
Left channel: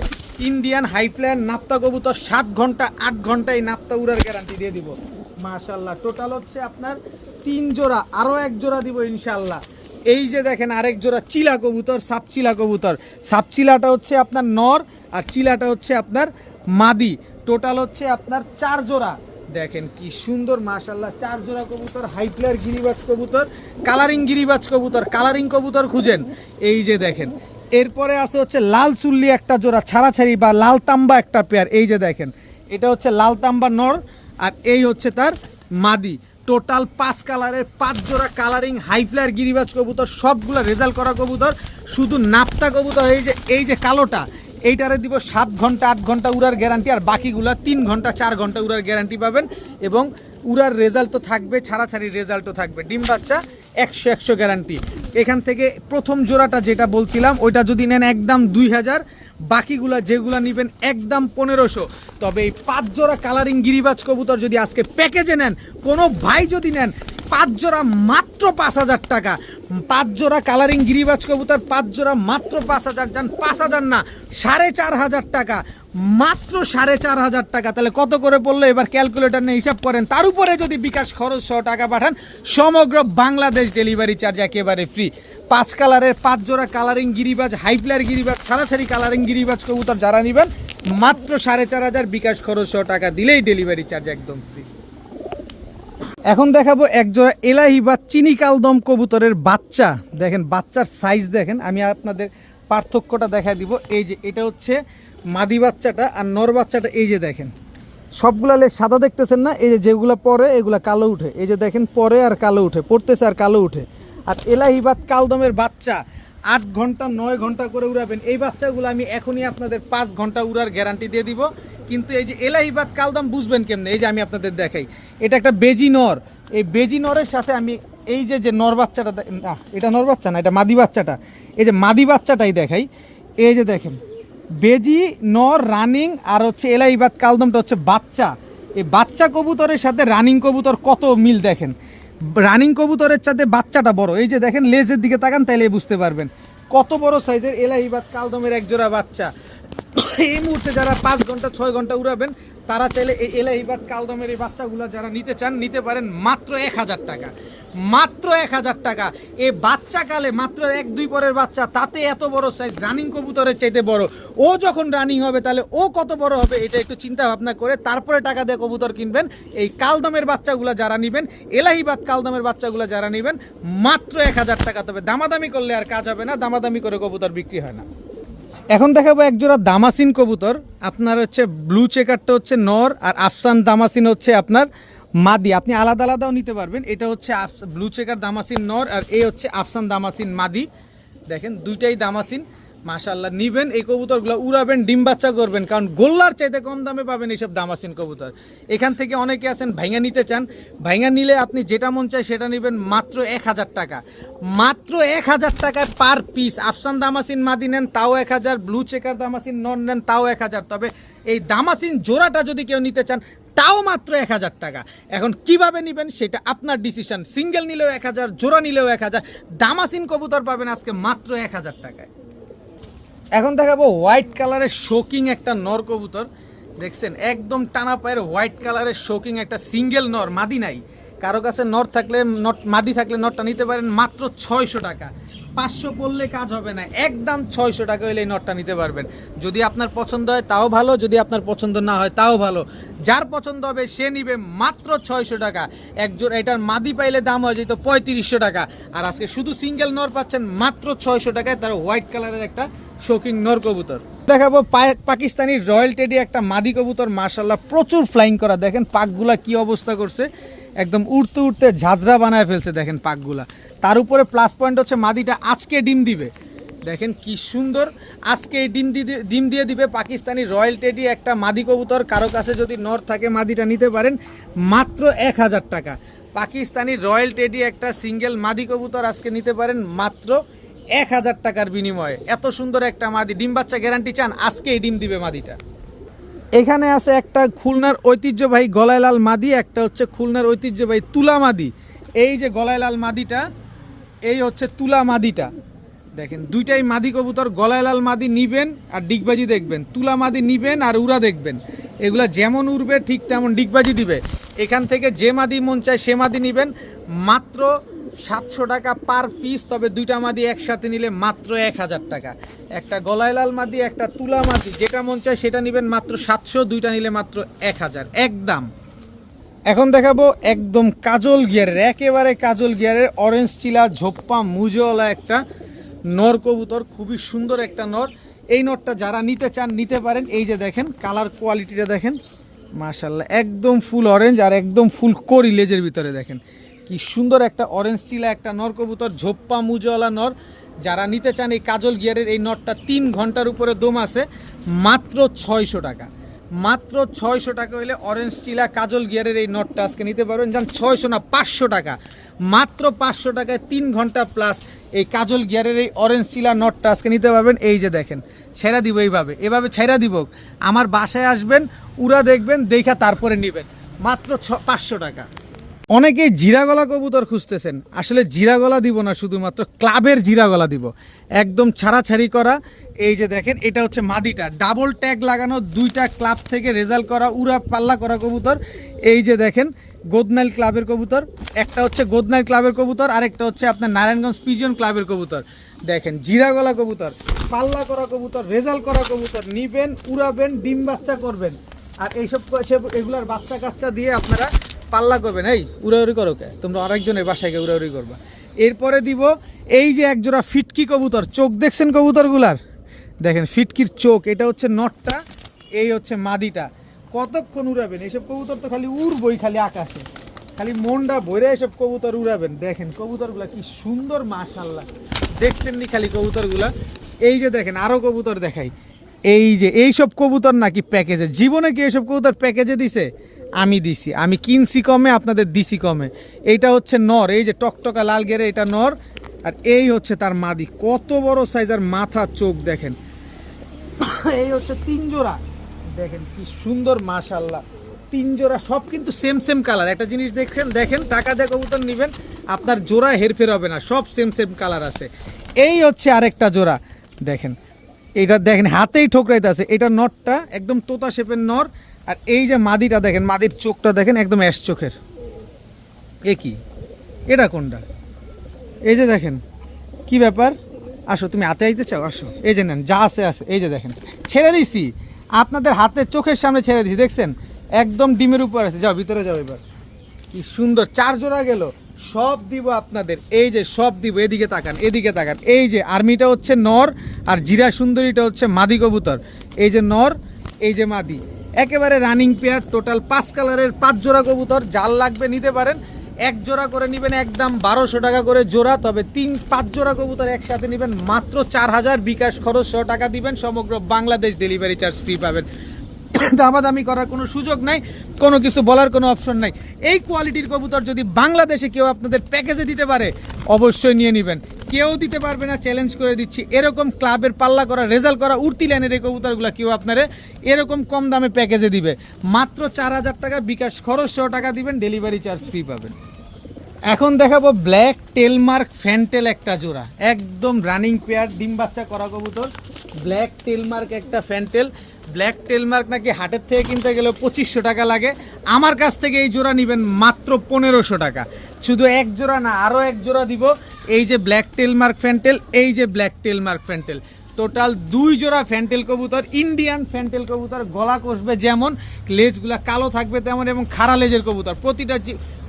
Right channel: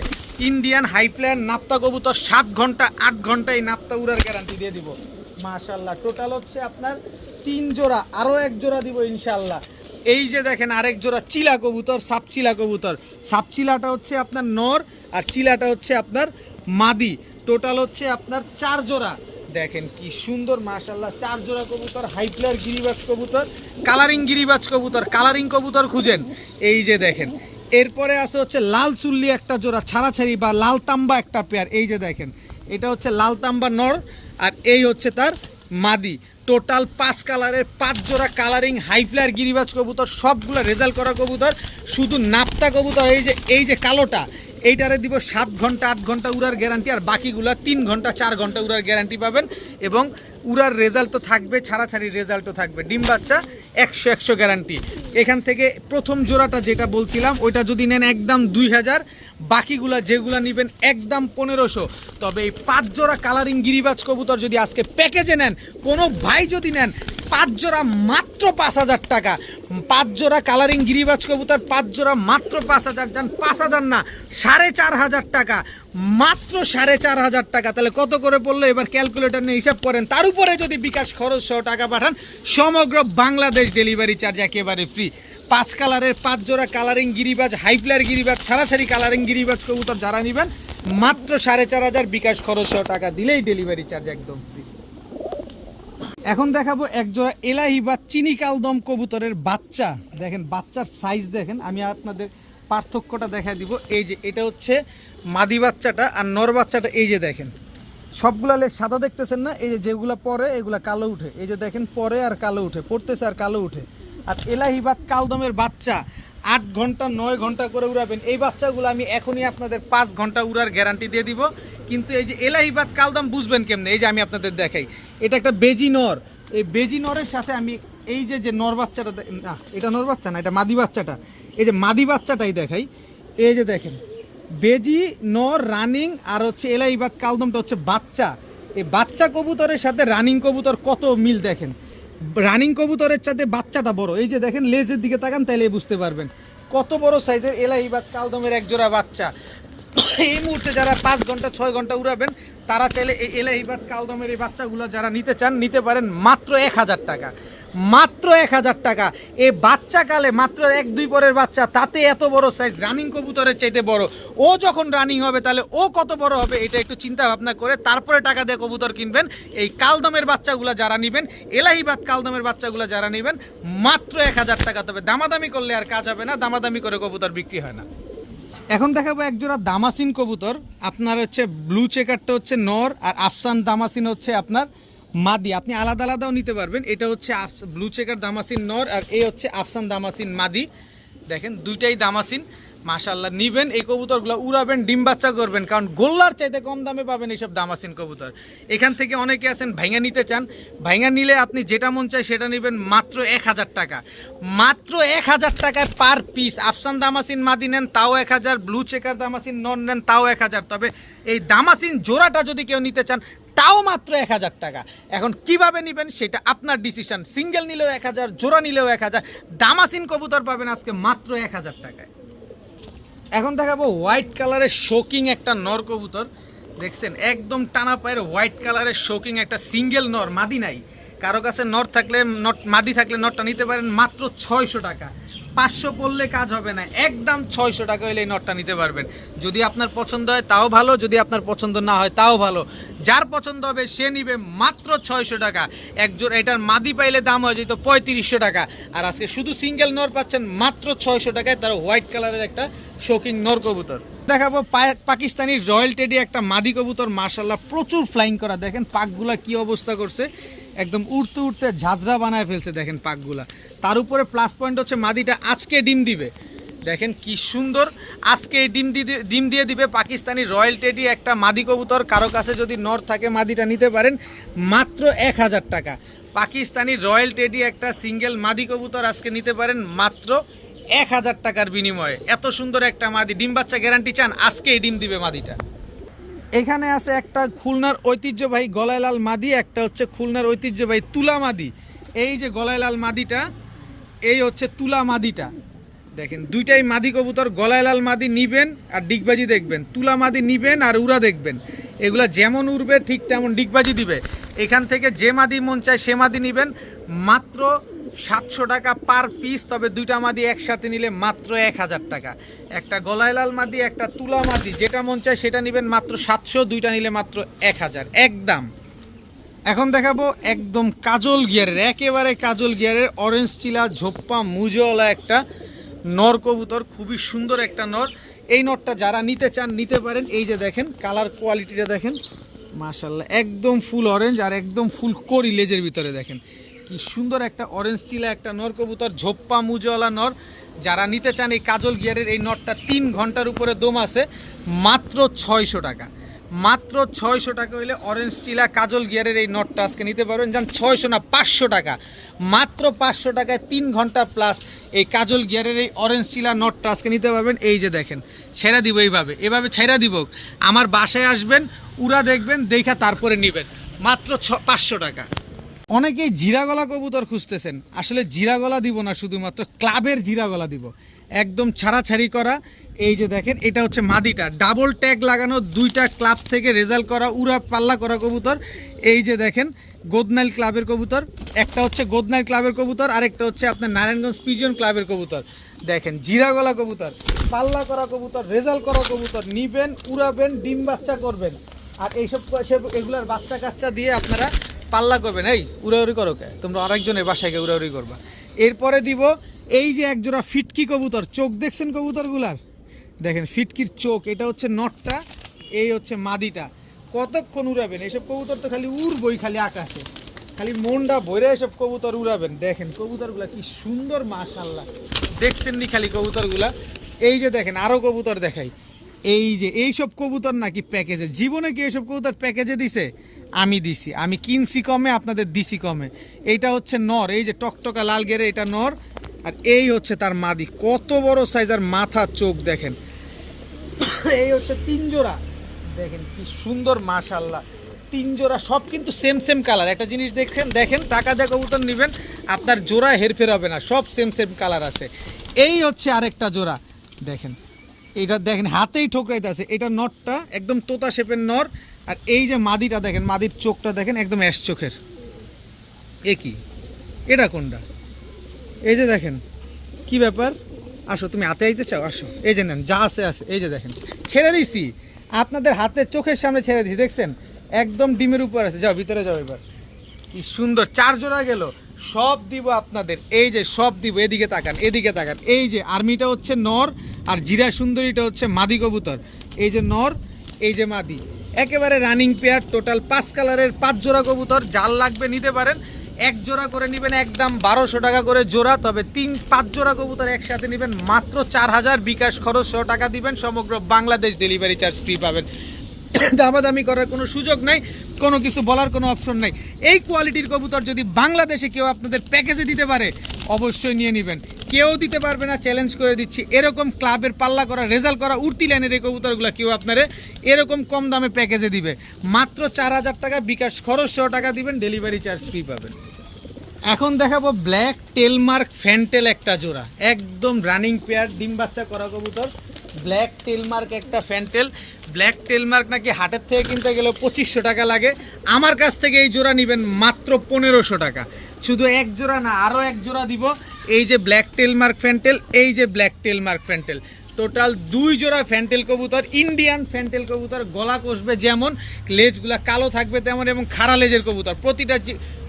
ইন্ডিয়ান হাইফ্লায়ার নাপ্তা কবুতর, 7 ঘন্টা 8 ঘন্টা এই নাপ্তা উড়ার গ্যারান্টি দিয়ে দিব মাশাআল্লাহ। টোটাল হচ্ছে আপনার 3 জোড়া, আরও 1 জোড়া দিব ইনশাআল্লাহ। এই যে দেখেন আরেক জোড়া চিলা কবুতর, সাপচিলা কবুতর। সাপচিলাটা হচ্ছে আপনার নর আর চিলাটা হচ্ছে আপনার মাদি। টোটাল হচ্ছে আপনার 4 জোড়া। দেখেন কি সুন্দর মাশাআল্লাহ, 4 জোড়া কবুতর, হাইপ্লার গিরিবাজ কবুতর, কালারিং গিরিবাজ কবুতর, কালারিং কবুতর খুঁজেন। এই যে দেখেন, এরপরে আছে হচ্ছে লাল চুল্লি একটা জোড়া ছাড়াছাড়ি বা লাল তাম্বা একটা পেয়ার। এই যে দেখেন, এটা হচ্ছে লাল তাম্বা নর আর এই হচ্ছে তার মাদি। টোটাল 5 কালারের 5 জোড়া কালারিং হাইপ্লার গিরিবাজ কবুতর, সবগুলো রেজাল্ট করা কবুতর। শুধু নাপ্তা কবুতর এই যে কালোটা, এইটারে দিব 7 ঘন্টা 8 ঘন্টা উড়ার গ্যারান্টি, আর বাকিগুলো 3 ঘন্টা 4 ঘন্টা উড়ার গ্যারান্টি পাবেন। এবং উড়ার রেজাল্ট তো থাকবে, ছাড়াছাড়ির রেজাল্টও থাকবে। ডিম বাচ্চা 100 গ্যারান্টি। এখান থেকে প্রথম জোড়াটা যেটা বলছিলাম ওইটা যদি নেন একদম 2000, বাকিগুলা যেগুলা নেবেন একদম 1500। তবে এই 5 জোড়া কালারিং গিরিবাজ কবুতর যদি আজকে প্যাকেজে নেন, কোনো ভাই যদি নেন, 5 জোড়া মাত্র 5000 টাকা। 5 জোড়া কালারিং গিরিবাজ কবুতর 5 জোড়া মাত্র 5000। যান 5000 না, 4500 টাকা, মাত্র 4500 টাকা। তাহলে কত করে পড়লো এবার ক্যালকুলেটর নিয়ে হিসাব করেন। তার উপরে যদি বিকাশ খরচ সহ টাকা পাঠান, সমগ্র বাংলাদেশ ডেলিভারি চার্জ একেবারে ফ্রি। 5 কালারের 5 জোড়া কালারিং গিরিবাজ, হাইপ্লার গিরিবাজ, ছাড়াছাড়ি কালারিং গিরিবাজ কবুতর যারা নেবেন, মাত্র 4500 বিকাশ খরচ সহ টাকা দিলেই ডেলিভারি চার্জ একদম ফ্রি। এখন দেখাবো এক জোড়া এলাহি বা চিনি কালদম কবুতরের বাচ্চা। দেখেন বাচ্চার সাইজ দেখেন, আমি আপনাদের পার্থক্যটা দেখা দিব। এই যে এটা হচ্ছে মাদি বাচ্চাটা আর নর বাচ্চাটা। এই যে দেখেন সবগুলা সাদা দেখতেছেন না, এই যে যেগুলো পরে এগুলা কালো উঠে। এই যে দেখেন পরে আর কালো উঠে, পড়তেছে আর কালো উঠে। আর এলাহিবাদ কালদমের বাচ্চা 8 ঘন্টা 9 ঘন্টা করে উড়াবেন। এই বাচ্চাগুলো আমি এখনই আপনাদের 5 ঘন্টা উড়ার গ্যারান্টি দিয়ে দিব। কিন্তু এই যে এলাহিবাদ কালদম বুঝবেন কেমনে, এই যে আমি আপনাদের দেখাই, এটা একটা বেজি নর। এই বেজি নরের সাথে আমি এই যে নর বাচ্চাটা, না এটা নর বাচ্চা না, এটা মাদি বাচ্চাটা। এই যে মাদি বাচ্চাটাই দেখাই। এই যে দেখেন বেজি নর রানিং আর হচ্ছে এলাহিবাদ কালদমটা হচ্ছে বাচ্চা। এই বাচ্চা কবুতরের সাথে রানিং কবুতর কত মিল দেখেন। রানিং কবুতরের সাথে বাচ্চাটা বড়। এই যে দেখেন লেজের দিকে তাকান, তাইলে বুঝতে পারবেন কত বড় সাইজের এলাহিবাদ কালদমের এক জোড়া বাচ্চা। এই মুহূর্তে যারা 5 ঘন্টা 6 ঘন্টা উড়াবেন, তারা চাইলে এই এলাহিবাদ কালদমের এই বাচ্চাগুলো যারা নিতে চান নিতে পারেন মাত্র 1000 টাকা। মাত্র 1000 টাকা। এই বাচ্চাকালে মাত্র 1-2 পরের বাচ্চা, তাতে এত বড় সাইজ, রানিং কবুতরের চাইতে বড়। ও যখন রানিং হবে তাহলে ও কত বড় হবে, এটা একটু চিন্তা ভাবনা করে তারপরে টাকা দিয়ে কবুতর কিনবেন। এই কালদমের বাচ্চাগুলো যারা নেবেন, এলাহিবাদ কালদমের বাচ্চাগুলো যারা নেবেন, মাত্র 1000 টাকা। তবে দামাদামি করলে আর কাজ হবে না, দামাদামি করে কবুতর বিক্রি হয় না। এখন দেখাবো এক জোড়া দামাসিন কবুতর। আপনার হচ্ছে ব্লু চেকারটা হচ্ছে নর আর আফসান দামাসিন হচ্ছে আপনার মাদি। আপনি আলাদা আলাদাও নিতে পারবেন। এটা হচ্ছে ব্লু চেকার দামাসিন নর আর এই হচ্ছে আফসান দামাসিন মাদি। দেখেন দুইটাই দামাসিন। মাশাআল্লাহ, নিবেন এই কবুতরগুলো, উড়াবেন, ডিম বাচ্চা করবেন। কারণ গোল্লার চাইতে কম দামে পাবেন এইসব দামাসিন কবুতর। এখান থেকে অনেকে আছেন ভাইঙা নিতে চান, ভাইঙা নিলে আপনি যেটা মন চায় সেটা নেবেন মাত্র 1000 টাকা। মাত্র 1000 টাকা পার পিস। আফসান দামাসিন মাদি নেন তাও 1000, ব্লু চেকার দামাসিন নন নেন তাও 1000। তবে এই দামাসিন জোড়াটা যদি কেউ নিতে চান তাও মাত্র 1000 টাকা। এখন কিভাবে নেবেন সেটা আপনার ডিসিশন। সিঙ্গেল নিলেও 1000, জোড়া নিলেও 1000। দামাসিন কবুতর পাবেন আজকে মাত্র 1000 টাকায়। এখন দেখাবো হোয়াইট কালারের শোকিং একটা নর কবুতর। দেখছেন একদম টানা পায়ের হোয়াইট কালারের শোকিং একটা সিঙ্গেল নর, মাদি নাই। কারো কাছে নর থাকলে মাদি থাকলে নরটা নিতে পারেন মাত্র 600 টাকা। 500 পড়লে কাজ হবে না, একদম 600 টাকা হলে এই নটটা নিতে পারবেন। যদি আপনার পছন্দ হয় তাও ভালো, যদি আপনার পছন্দ না হয় তাও ভালো। যার পছন্দ হবে সে নিবে মাত্র 600 টাকা। একজোড়া এটার মাদি পাইলে দাম হয়ে যেত 3500 টাকা। আর আজকে শুধু সিঙ্গেল নর পাচ্ছেন মাত্র 600 টাকায়, তার হোয়াইট কালারের একটা শোকিং নর কবুতর। দেখাবো পাকিস্তানি রয়্যাল টেডি একটা মাদি কবুতর। মাশাআল্লাহ প্রচুর ফ্লাইং করা। দেখেন পাকগুলা কি অবস্থা করছে, একদম উড়তে উড়তে ঝাঁঝরা বানায় ফেলছে। দেখেন পাকগুলা। তার উপরে প্লাস পয়েন্ট হচ্ছে মাদিটা আজকে ডিম দিবে। দেখেন কি সুন্দর, আজকে এই ডিম দিয়ে দিবে পাকিস্তানি রয়্যাল টেডি একটা মাদি কবুতর। কারো কাছে যদি নর থাকে মাদিটা নিতে পারেন মাত্র 1000 টাকা। পাকিস্তানি রয়্যাল টেডি একটা সিঙ্গেল মাদি কবুতর আজকে নিতে পারেন মাত্র 1000 টাকার বিনিময়ে। এত সুন্দর একটা মাদি, ডিম বাচ্চা গ্যারান্টি চান, আজকে এই ডিম দিবে মাদিটা। এখানে আছে একটা খুলনার ঐতিহ্যবাহী গলায় লাল মাদি, একটা হচ্ছে খুলনার ঐতিহ্যবাহী তুলা মাদি। এই যে গলায় লাল মাদিটা, এই হচ্ছে তুলা মাদিটা। দেখেন দুইটাই মাদি কবুতর। গলায় লাল মাদি নিবেন আর ডিগবাজি দেখবেন, তুলা মাদি নিবেন আর উড়া দেখবেন। এগুলা যেমন উড়বে ঠিক তেমন ডিগবাজি দিবে। এখান থেকে যে মাদি মন চায় সে মাদি নিবেন। মাত্র 700 টাকা পার পিস, তবে দুইটা মাদি একসাথে নিলে মাত্র 1000 টাকা। একটা গলায় লাল মাদি, একটা তুলা মাদি, যেটা মন চায় সেটা নেবেন মাত্র 700, দুইটা নিলে মাত্র 1000 একদম। এখন দেখাবো একদম কাজল গিয়ারের, একেবারে কাজল গিয়ারের অরেঞ্জ চিলা ঝোপ্পা মুজওয়ালা একটা নর কবুতর, খুবই সুন্দর একটা নর। এই নরটা যারা নিতে চান নিতে পারেন। এই যে দেখেন কালার কোয়ালিটিটা দেখেন, মাশাআল্লাহ একদম ফুল অরেঞ্জ আর একদম ফুল করি লেজের ভিতরে দেখেন কি সুন্দর একটা অরেঞ্জ চিলা একটা নর কবুতর, ঝোপ্পা মুজওয়ালা নর। যারা নিতে চান এই কাজল গিয়ারের এই নরটা 3 ঘন্টার উপরে দম আছে, মাত্র 600 টাকা। মাত্র 600 টাকা হইলে অরেঞ্জ চিলা কাজল গিয়ারের এই নটটা আজকে নিতে পারবেন। যান 600 না 500 টাকা, মাত্র 500 টাকায় 3 ঘন্টা প্লাস এই কাজল গিয়ারের এই অরেঞ্জ চিলা নটটা আজকে নিতে পারবেন। এই যে দেখেন ছেড়া দিব, এভাবে ছেড়া দিব। আমার বাসায় আসবেন, উড়া দেখবেন, দেখা তারপরে নেবেন, মাত্র 500 টাকা। অনেকেই জিরা গলা কবুতর খুঁজতেছেন, আসলে জিরা গলা দিব না, শুধুমাত্র ক্লাবের জিরা গলা দিব, একদম ছাড়াছাড়ি করা। এই যে দেখেন এটা হচ্ছে মাদিটা, ডাবল ট্যাগ লাগানো, 2টা ক্লাব থেকে রেজাল্ট করা, উড়া পাল্লা করা কবুতর। এই যে দেখেন গোদনাইল ক্লাবের কবুতর, একটা হচ্ছে গোদনাইল ক্লাবের কবুতর, আরেকটা হচ্ছে আপনার নারায়ণগঞ্জ পিজিয়ন ক্লাবের কবুতর। দেখেন জিরা গলা কবুতর, পাল্লা করা কবুতর, রেজাল্ট করা কবুতর, নিবেন, উড়াবেন, ডিম বাচ্চা করবেন। আর এইসব এগুলার বাচ্চা কাচ্চা দিয়ে আপনারা পাল্লা করবেন। এই উড়াউড়ি করো কে তোমরা, আরেকজনের বাসায় গিয়ে উড়াউড়ি করবা। এরপরে দিব এই যে একজোড়া ফিটকি কবুতর, চোখ দেখছেন কবুতরগুলার, দেখেন ফিটকির চোখ, এটা হচ্ছে নটটা, এই হচ্ছে মাদিটা। কতক্ষণ উড়াবেন এইসব কবুতর, তো খালি উড়বই, খালি আকাশে, খালি মনটা ভরে এসব কবুতর উড়াবেন। দেখেন কবুতরগুলা কি সুন্দর, মাশাআল্লাহ দেখছেন নি খালি কবুতরগুলা। এই যে দেখেন আরো কবুতর দেখাই, এই যে এইসব কবুতর নাকি প্যাকেজে, জীবনে কি এইসব কবুতর প্যাকেজে দিছে? আমি দিছি, আমি কিনছি কমে, আপনাদের দিছি কমে। এইটা হচ্ছে নর, এই যে টকটকা লাল গেরে এটা নর, আর এই হচ্ছে তার মাদি, কত বড় সাইজ, আর মাথা চোখ দেখেন। এই হচ্ছে 3 জোড়া, দেখেন কি সুন্দর, মাশাআল্লাহ 3 জোড়া, সব কিন্তু সেম কালার। একটা জিনিস দেখেন টাকা দিয়ে কবুতর নেবেন, আপনার জোড়া হেরফের হবে না, সব সেম কালার আছে। এই হচ্ছে আরেকটা জোড়া, দেখেন এটা দেখেন হাতেই ঠোকরাইতে আছে, এটা নরটা একদম তোতা শেপের নর। আর এই যে মাদিটা দেখেন, মাদির চোখটা দেখেন একদম অ্যাশ চোখের। এ কি, এটা কোনটা? এই যে দেখেন কি ব্যাপার, আসো তুমি হাতে আইতে চাও, আসো, এই যে নেন যা আছে। এই যে দেখেন ছেড়ে দিছি, আপনাদের হাতের চোখের সামনে ছেড়ে দিছি, দেখছেন একদম ডিমের উপর আছে। যাও ভিতরে যাও, এবার কি সুন্দর 4 জোড়া গেল, সব দিব আপনাদের। এই যে সব দিব, এদিকে তাকান, এদিকে তাকান। এই যে আর্মিটা হচ্ছে নর, আর জিরা সুন্দরীটা হচ্ছে মাদি কবুতর। এই যে নর, এই যে মাদি, একেবারে রানিং পেয়ার, টোটাল 5 কালারের 5 জোড়া কবুতর। যার লাগবে নিতে পারেন, 1 জোড়া করে নেবেন একদম 1200 টাকা করে জোড়া, তবে 5 জোড়া কবুতর একসাথে নেবেন মাত্র 4000, বিকাশ খরচ 100 টাকা দিবেন, সমগ্র বাংলাদেশ ডেলিভারি চার্জ ফ্রি পাবেন। দামাদামি করার কোনো সুযোগ নাই, কোনো কিছু বলার কোনো অপশন নাই। এই কোয়ালিটির কবুতর যদি বাংলাদেশে কেউ আপনাদের প্যাকেজে দিতে পারে, অবশ্যই নিয়ে নেবেন। কেউ দিতে পারবে না, চ্যালেঞ্জ করে দিচ্ছি। এরকম ক্লাবের পাল্লা করা, রেজাল্ট করা, উড়তি লাইনের এই কবুতরগুলো কেউ আপনারে এরকম কম দামে প্যাকেজে দিবে, মাত্র 4000 টাকা, বিকাশ খরচ 100 টাকা দিবেন, ডেলিভারি চার্জ ফ্রি পাবেন। এখন দেখাবো ব্ল্যাক টেলমার্ক ফ্যান্টেল একটা জোড়া, একদম রানিং পেয়ার, ডিম বাচ্চা করা কবুতর। ব্ল্যাক টেলমার্ক একটা ফ্যান্টেল, ব্ল্যাক টেলমার্ক নাকি হাটের থেকে কিনতে গেলে 2500 টাকা লাগে, আমার কাছ থেকে এই জোড়া নেবেন মাত্র 1500 টাকা। শুধু 1 জোড়া না, আরও 1 জোড়া দিব। এই যে ব্ল্যাক টেলমার্ক ফ্যান্টেল, এই যে ব্ল্যাক টেলমার্ক ফ্যান্টেল, টোটাল 2 জোড়া ফ্যান্টেল কবুতর, ইন্ডিয়ান ফ্যান্টেল কবুতর। গলা কষবে যেমন, লেজগুলা কালো থাকবে তেমন, এবং খাড়া লেজের কবুতর। প্রতিটা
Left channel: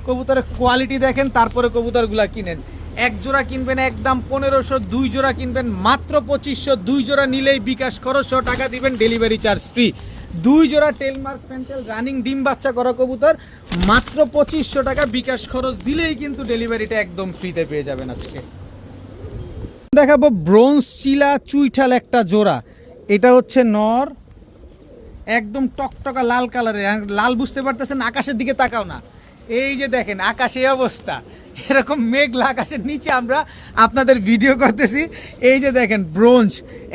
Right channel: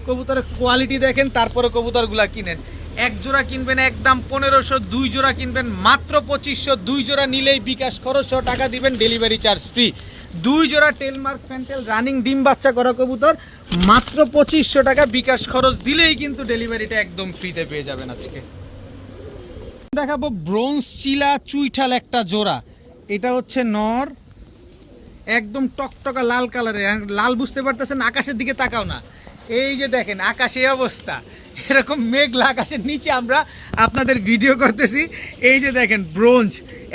কবুতরের কোয়ালিটি দেখেন, তারপরে কবুতরগুলা কিনেন। 1 জোড়া কিনবেন একদম 1500, 2 জোড়া কিনবেন মাত্র 2500, 2 জোড়া নিলেই বিকাশ খরচ 100 টাকা দিবেন, ডেলিভারি চার্জ ফ্রি। 2 জোড়া টেলমার্ক ফ্যান্টেল রানিং ডিম বাচ্চা করা কবুতর, মাত্র 2500 টাকা, বিকাশ খরচ দিলেই কিন্তু ডেলিভারিটা একদম ফ্রিতে পেয়ে যাবেন। আজকে দেখাবো ব্রোঞ্জ চিলা চুইঠাল একটা জোড়া, এটা হচ্ছে নর, একদম টকটকা লাল কালারের। লাল বুঝতে পারতেছেন, আকাশের দিকে তাকাও না, এই যে দেখেন আকাশে অবস্থা, এরকম মেঘলা আকাশের নিচে আমরা আপনাদের ভিডিও করতেছি। এই যে দেখেন ব্রোঞ্জ,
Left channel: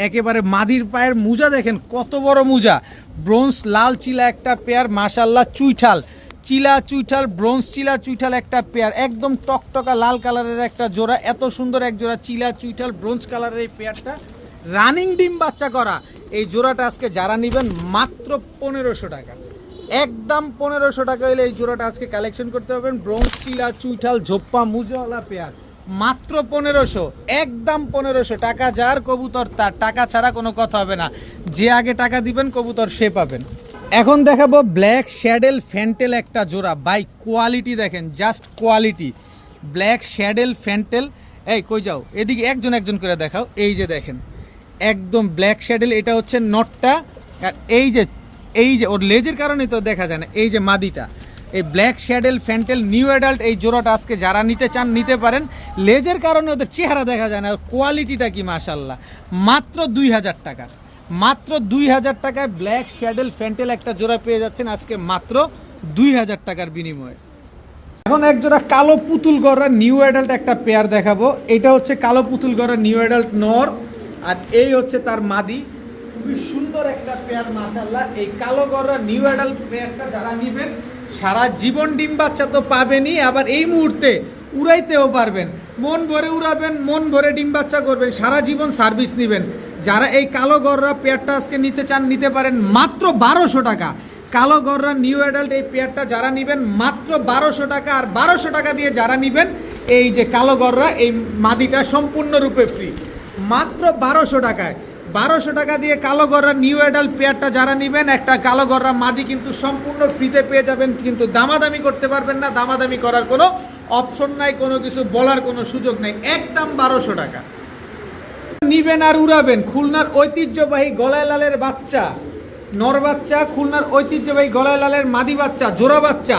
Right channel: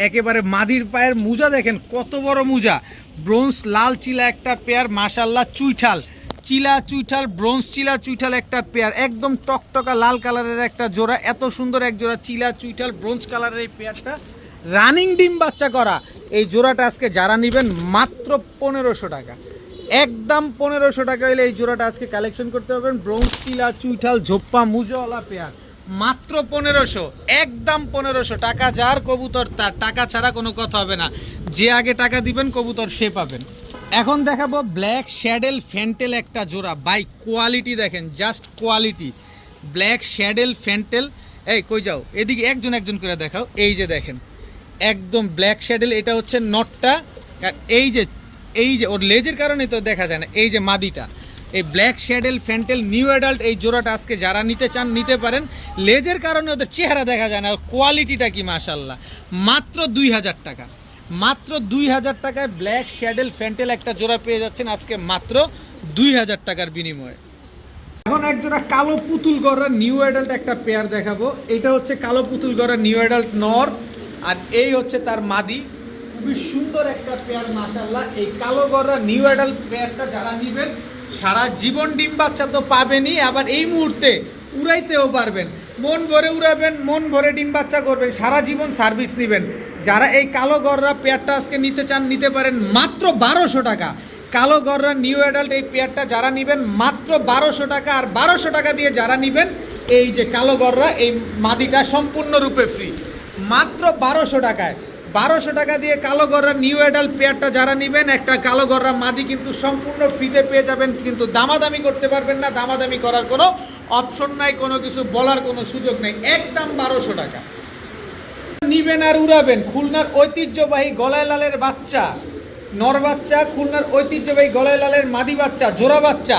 একেবারে মাদির পায়ের মুজা দেখেন কত বড় মুজা, ব্রোঞ্জ লাল চিলা একটা পেয়ার, মাশাআল্লাহ চুইঠাল, চিলা চুইঠাল, ব্রোঞ্জ চিলা চুইঠাল একটা পেয়ার, একদম টকটকা লাল কালারের একটা জোড়া। এত সুন্দর এক জোড়া চিলা চুইঠাল ব্রোঞ্জ কালারের এই পেয়ারটা, রানিং ডিম বাচ্চা করা এই জোড়াটা আজকে যারা নেবেন মাত্র 1500 টাকা, একদম 1500 টাকা হলে এই জোড়াটা আজকে কালেকশন করতে পারবেন। ব্রোঞ্জ চিলা চুইঠাল ঝোপ্পা মুজওয়ালা পেয়ার, মাত্র 1500, একদম 1500 টাকা। যার কবুতর তার, টাকা ছাড়া কোনো কথা হবে না। যে আগে টাকা দিবেন কবুতর সে পাবেন। এখন দেখাবো ব্ল্যাক শ্যাডেল ফ্যান্টেল একটা জোড়া। বাই কোয়ালিটি দেখেন, জাস্ট কোয়ালিটি। ব্ল্যাক শ্যাডেল ফ্যান্টেল, এই কই যাও, এদিকে একজন একজন করে দেখাও। এই যে দেখেন একদম ব্ল্যাক শ্যাডেল, এটা হচ্ছে নটটা। এই যে ওর লেজের কারণে তো দেখা যায় না, এই যে মাদিটা। এই ব্ল্যাক শ্যাডেল ফ্যান্টেল নিউ অ্যাডাল্ট এই জোড়াটা আজকে যারা নিতে চান নিতে পারেন। লেজের কারণে ওদের চেহারা দেখা যায় না, আর কোয়ালিটিটা কি মাশাআল্লাহ। মাত্র 2000 টাকা, মাত্র 2000 টাকায় ব্ল্যাক শ্যাডেল ফ্যান্টেল একটা জোড়া পেয়ে যাচ্ছেন আজকে মাত্র 2000 টাকার বিনিময়ে। এখন এক জোড়া কালো পুতুল গড়া নিউ অ্যাডাল্ট একটা পেয়ার দেখাবো। এটা হচ্ছে কালো পুতুল গড়া নিউ অ্যাডাল্ট নর, আর এই হচ্ছে তার মাদি। খুবই সুন্দর একটা পেয়ার মাশাআল্লাহ। এই কালো গড়া নিউ অ্যাডাল্ট পেয়ারটা যারা নেবেন সারা জীবন ডিম বাচ্চা তো পাবেনই, আবার এই মুহূর্তে উড়াইতেও পারবেন। মন ভরে উড়াবেন, মন ভরে ডিম বাচ্চা করবেন, সারা জীবন সার্ভিস নেবেন। যারা এই কালো গড়া পেয়ারটা আজকে নিতে চান নিতে পারেন মাত্র 1200 টাকা। কালো গড়া নিউ অ্যাডাল্ট এই পেয়ারটা যারা নেবেন মাত্র 1200 টাকা। আর 1200 টাকা দিয়ে যারা নেবেন এই যে কালো গড়া এই মাদিটা সম্পূর্ণরূপে ফ্রি, মাত্র 1200 টাকায়। 1200 টাকা দিয়ে কালো গড়া নিউ অ্যাডাল্ট পেয়ারটা যারা নেবেন একটা কালো গড়া মাদি কিন্তু সম্পূর্ণ ফ্রিতে পেয়ে যাবেন। কিন্তু দামাদামি করতে পারবেন না, দামাদামি করার কোনো অপশন নাই, কোনো কিছু বলার কোনো সুযোগ নেই, একদম 1200 টাকা। নিবেন আর উড়াবেন। খুলনার ঐতিহ্যবাহী গলায় লালের বাচ্চা, নর বাচ্চা, খুলনার ঐতিহ্যবাহী গলায় লালের মাদি বাচ্চা, জোড়া বাচ্চা।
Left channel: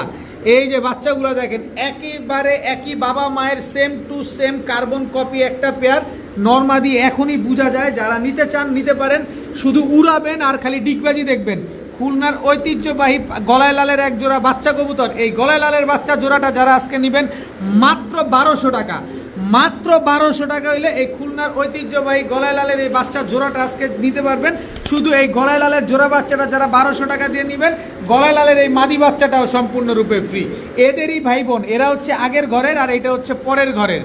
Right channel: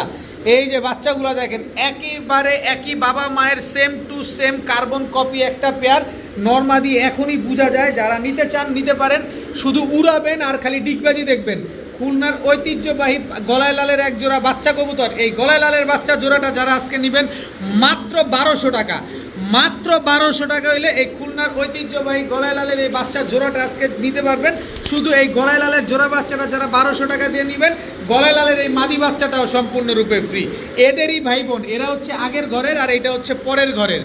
এই যে বাচ্চাগুলো দেখেন একেবারে একই বাবা মায়ের same to same carbon copy একটা পেয়ার। নরমাদি এখনই বোঝা যায়। যারা নিতে চান নিতে পারেন, শুধু উড়াবেন আর খালি ডিগবাজি দেখবেন। খুলনার ঐতিহ্যবাহী গলায় লালের এক জোড়া বাচ্চা কবুতর, এই গলায় লালের বাচ্চা জোড়াটা যারা আজকে নেবেন মাত্র 1200 টাকা। মাত্র 1200 টাকা হইলে এই খুলনার ঐতিহ্যবাহী গলায় লালের এই বাচ্চা জোড়াটা আজকে নিতে পারবেন। শুধু এই গলায় লালের জোড়া বাচ্চাটা যারা 1200 টাকা দিয়ে নেবেন, গলায় লালের এই মাদি বাচ্চাটাও সম্পূর্ণরূপে ফ্রি। এদেরই ভাই বোন, এরা হচ্ছে আগের ঘরের আর এটা হচ্ছে পরের ঘরের।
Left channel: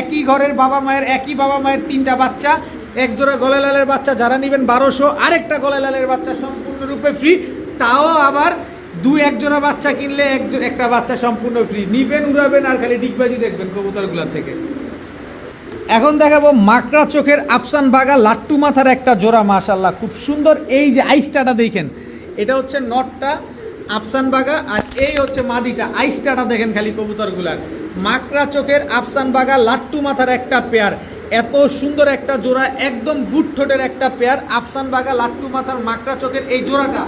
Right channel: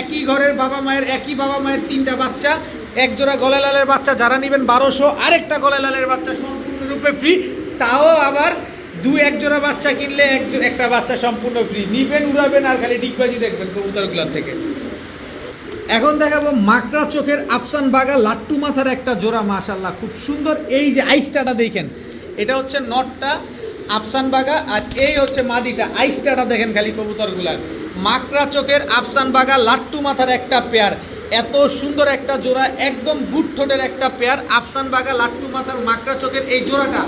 একই ঘরের বাবা মায়ের, একই বাবা মায়ের 3টা বাচ্চা। এক জোড়া গলায় লালের বাচ্চা যারা নেবেন 1200, আরেকটা গলায় লালের বাচ্চা সম্পূর্ণরূপে ফ্রি। তাও আবার এক জোড়া বাচ্চা কিনলে একটা বাচ্চা সম্পূর্ণ ফ্রি। নিবেন, উড়াবেন আর খালি ডিগবাজি দেখবেন কবুতরগুলোর থেকে। এখন দেখাবো মাকড়া চোখের আফসান বাগা লাট্টু মাথার একটা জোড়া মাশাআল্লাহ, খুব সুন্দর। এই যে আইসটাটা দেখেন, এটা হচ্ছে নটটা আফসান বাগা, আর এই হচ্ছে মাদিটা। আইসটাটা দেখেন খালি কবুতরগুলার। মাকড়া চোখের আফসান বাগা লাট্টু মাথার একটা পেয়ার, এত সুন্দর একটা জোড়া, একদম বুট ঠোঁটের একটা পেয়ার। আফসান বাগা লাট্টু মাথার মাকড়া চোখের এই জোড়াটা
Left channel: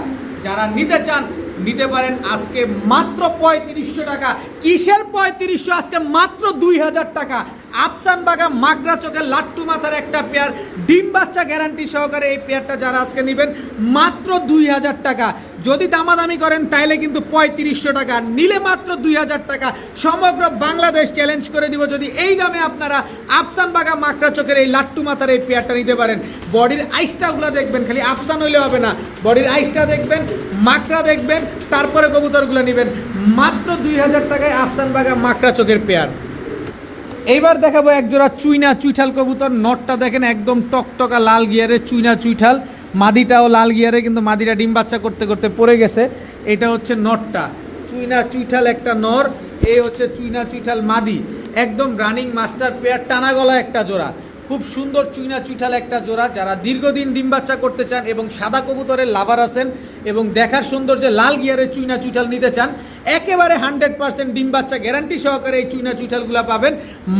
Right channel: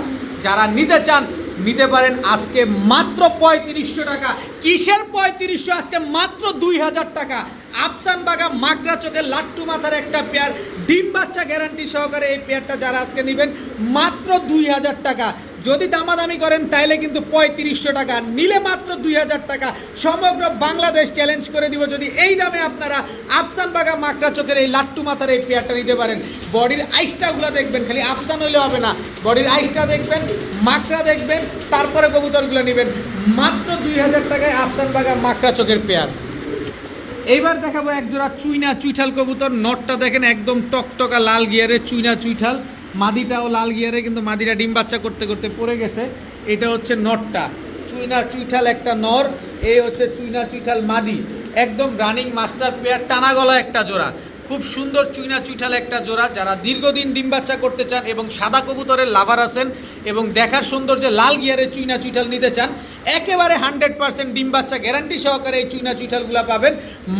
যারা নিতে চান নিতে পারেন আজকে মাত্র 3500 টাকা। কিসের 3500? আজকে মাত্র 2000 টাকা। আফসান বাগা মাকড়া চোখের লাট্টু মাথার একটা পেয়ার, ডিম বাচ্চা গ্যারান্টি সহকারে এই পেয়ারটা যারা আজকে নেবেন মাত্র 2000 টাকা। যদি দামাদামি করেন তাইলে কিন্তু 3500 টাকা, নিলে মাত্র 2000 টাকা। সমগ্র বাংলাদেশ চ্যালেঞ্জ করে দিব যদি এই দামে আপনারা আফসান বাগা মাকড়া চোখের এই লাট্টু মাথার এই পেয়ারটা নিতে পারেন। বডির আইসটাগুলো দেখবেন, খালি আফসান হইলে হবে না, বডির আইসটা দেখবেন, মাকড়া দেখবেন, তারপরে কবুতরগুলো নেবেন। মাত্র 2000 টাকায় আফসান বাগা মাকড়া চোখের পেয়ার। এইবার দেখাবো এক জোড়া চুইনা চুইঠাল কবুতর। নটটা দেখেন একদম টকটকা লাল গিয়ারে চুইনা চুইঠাল, মাদিটাও লাল গিয়ারে, কিন্তু মাদিটা ডিম বাচ্চা করতে করতে পড়ে গেছে। এটা হচ্ছে নটটা, চুইনা চুইঠাল একটা নর, এই হচ্ছে চুইনা চুইঠাল মাদি। একদম রানিং মাস্টার পেয়ার, টানা গলা একটা জোড়া, খুব সুন্দর চুইনা চুইঠাল একটা জোড়া। যারা দীর্ঘদিন ডিম বাচ্চা করতে চান এবং সাদা কবুতরের লাভার আছেন এবং দেখার সৌন্দর্যে লাল গিয়ারে চুইনা চুইঠাল নিতে চান, একেবারে 100% ডিম বাচ্চা গ্যারান্টি সহকারে এই চুইনা চুইঠালগুলো পাবেন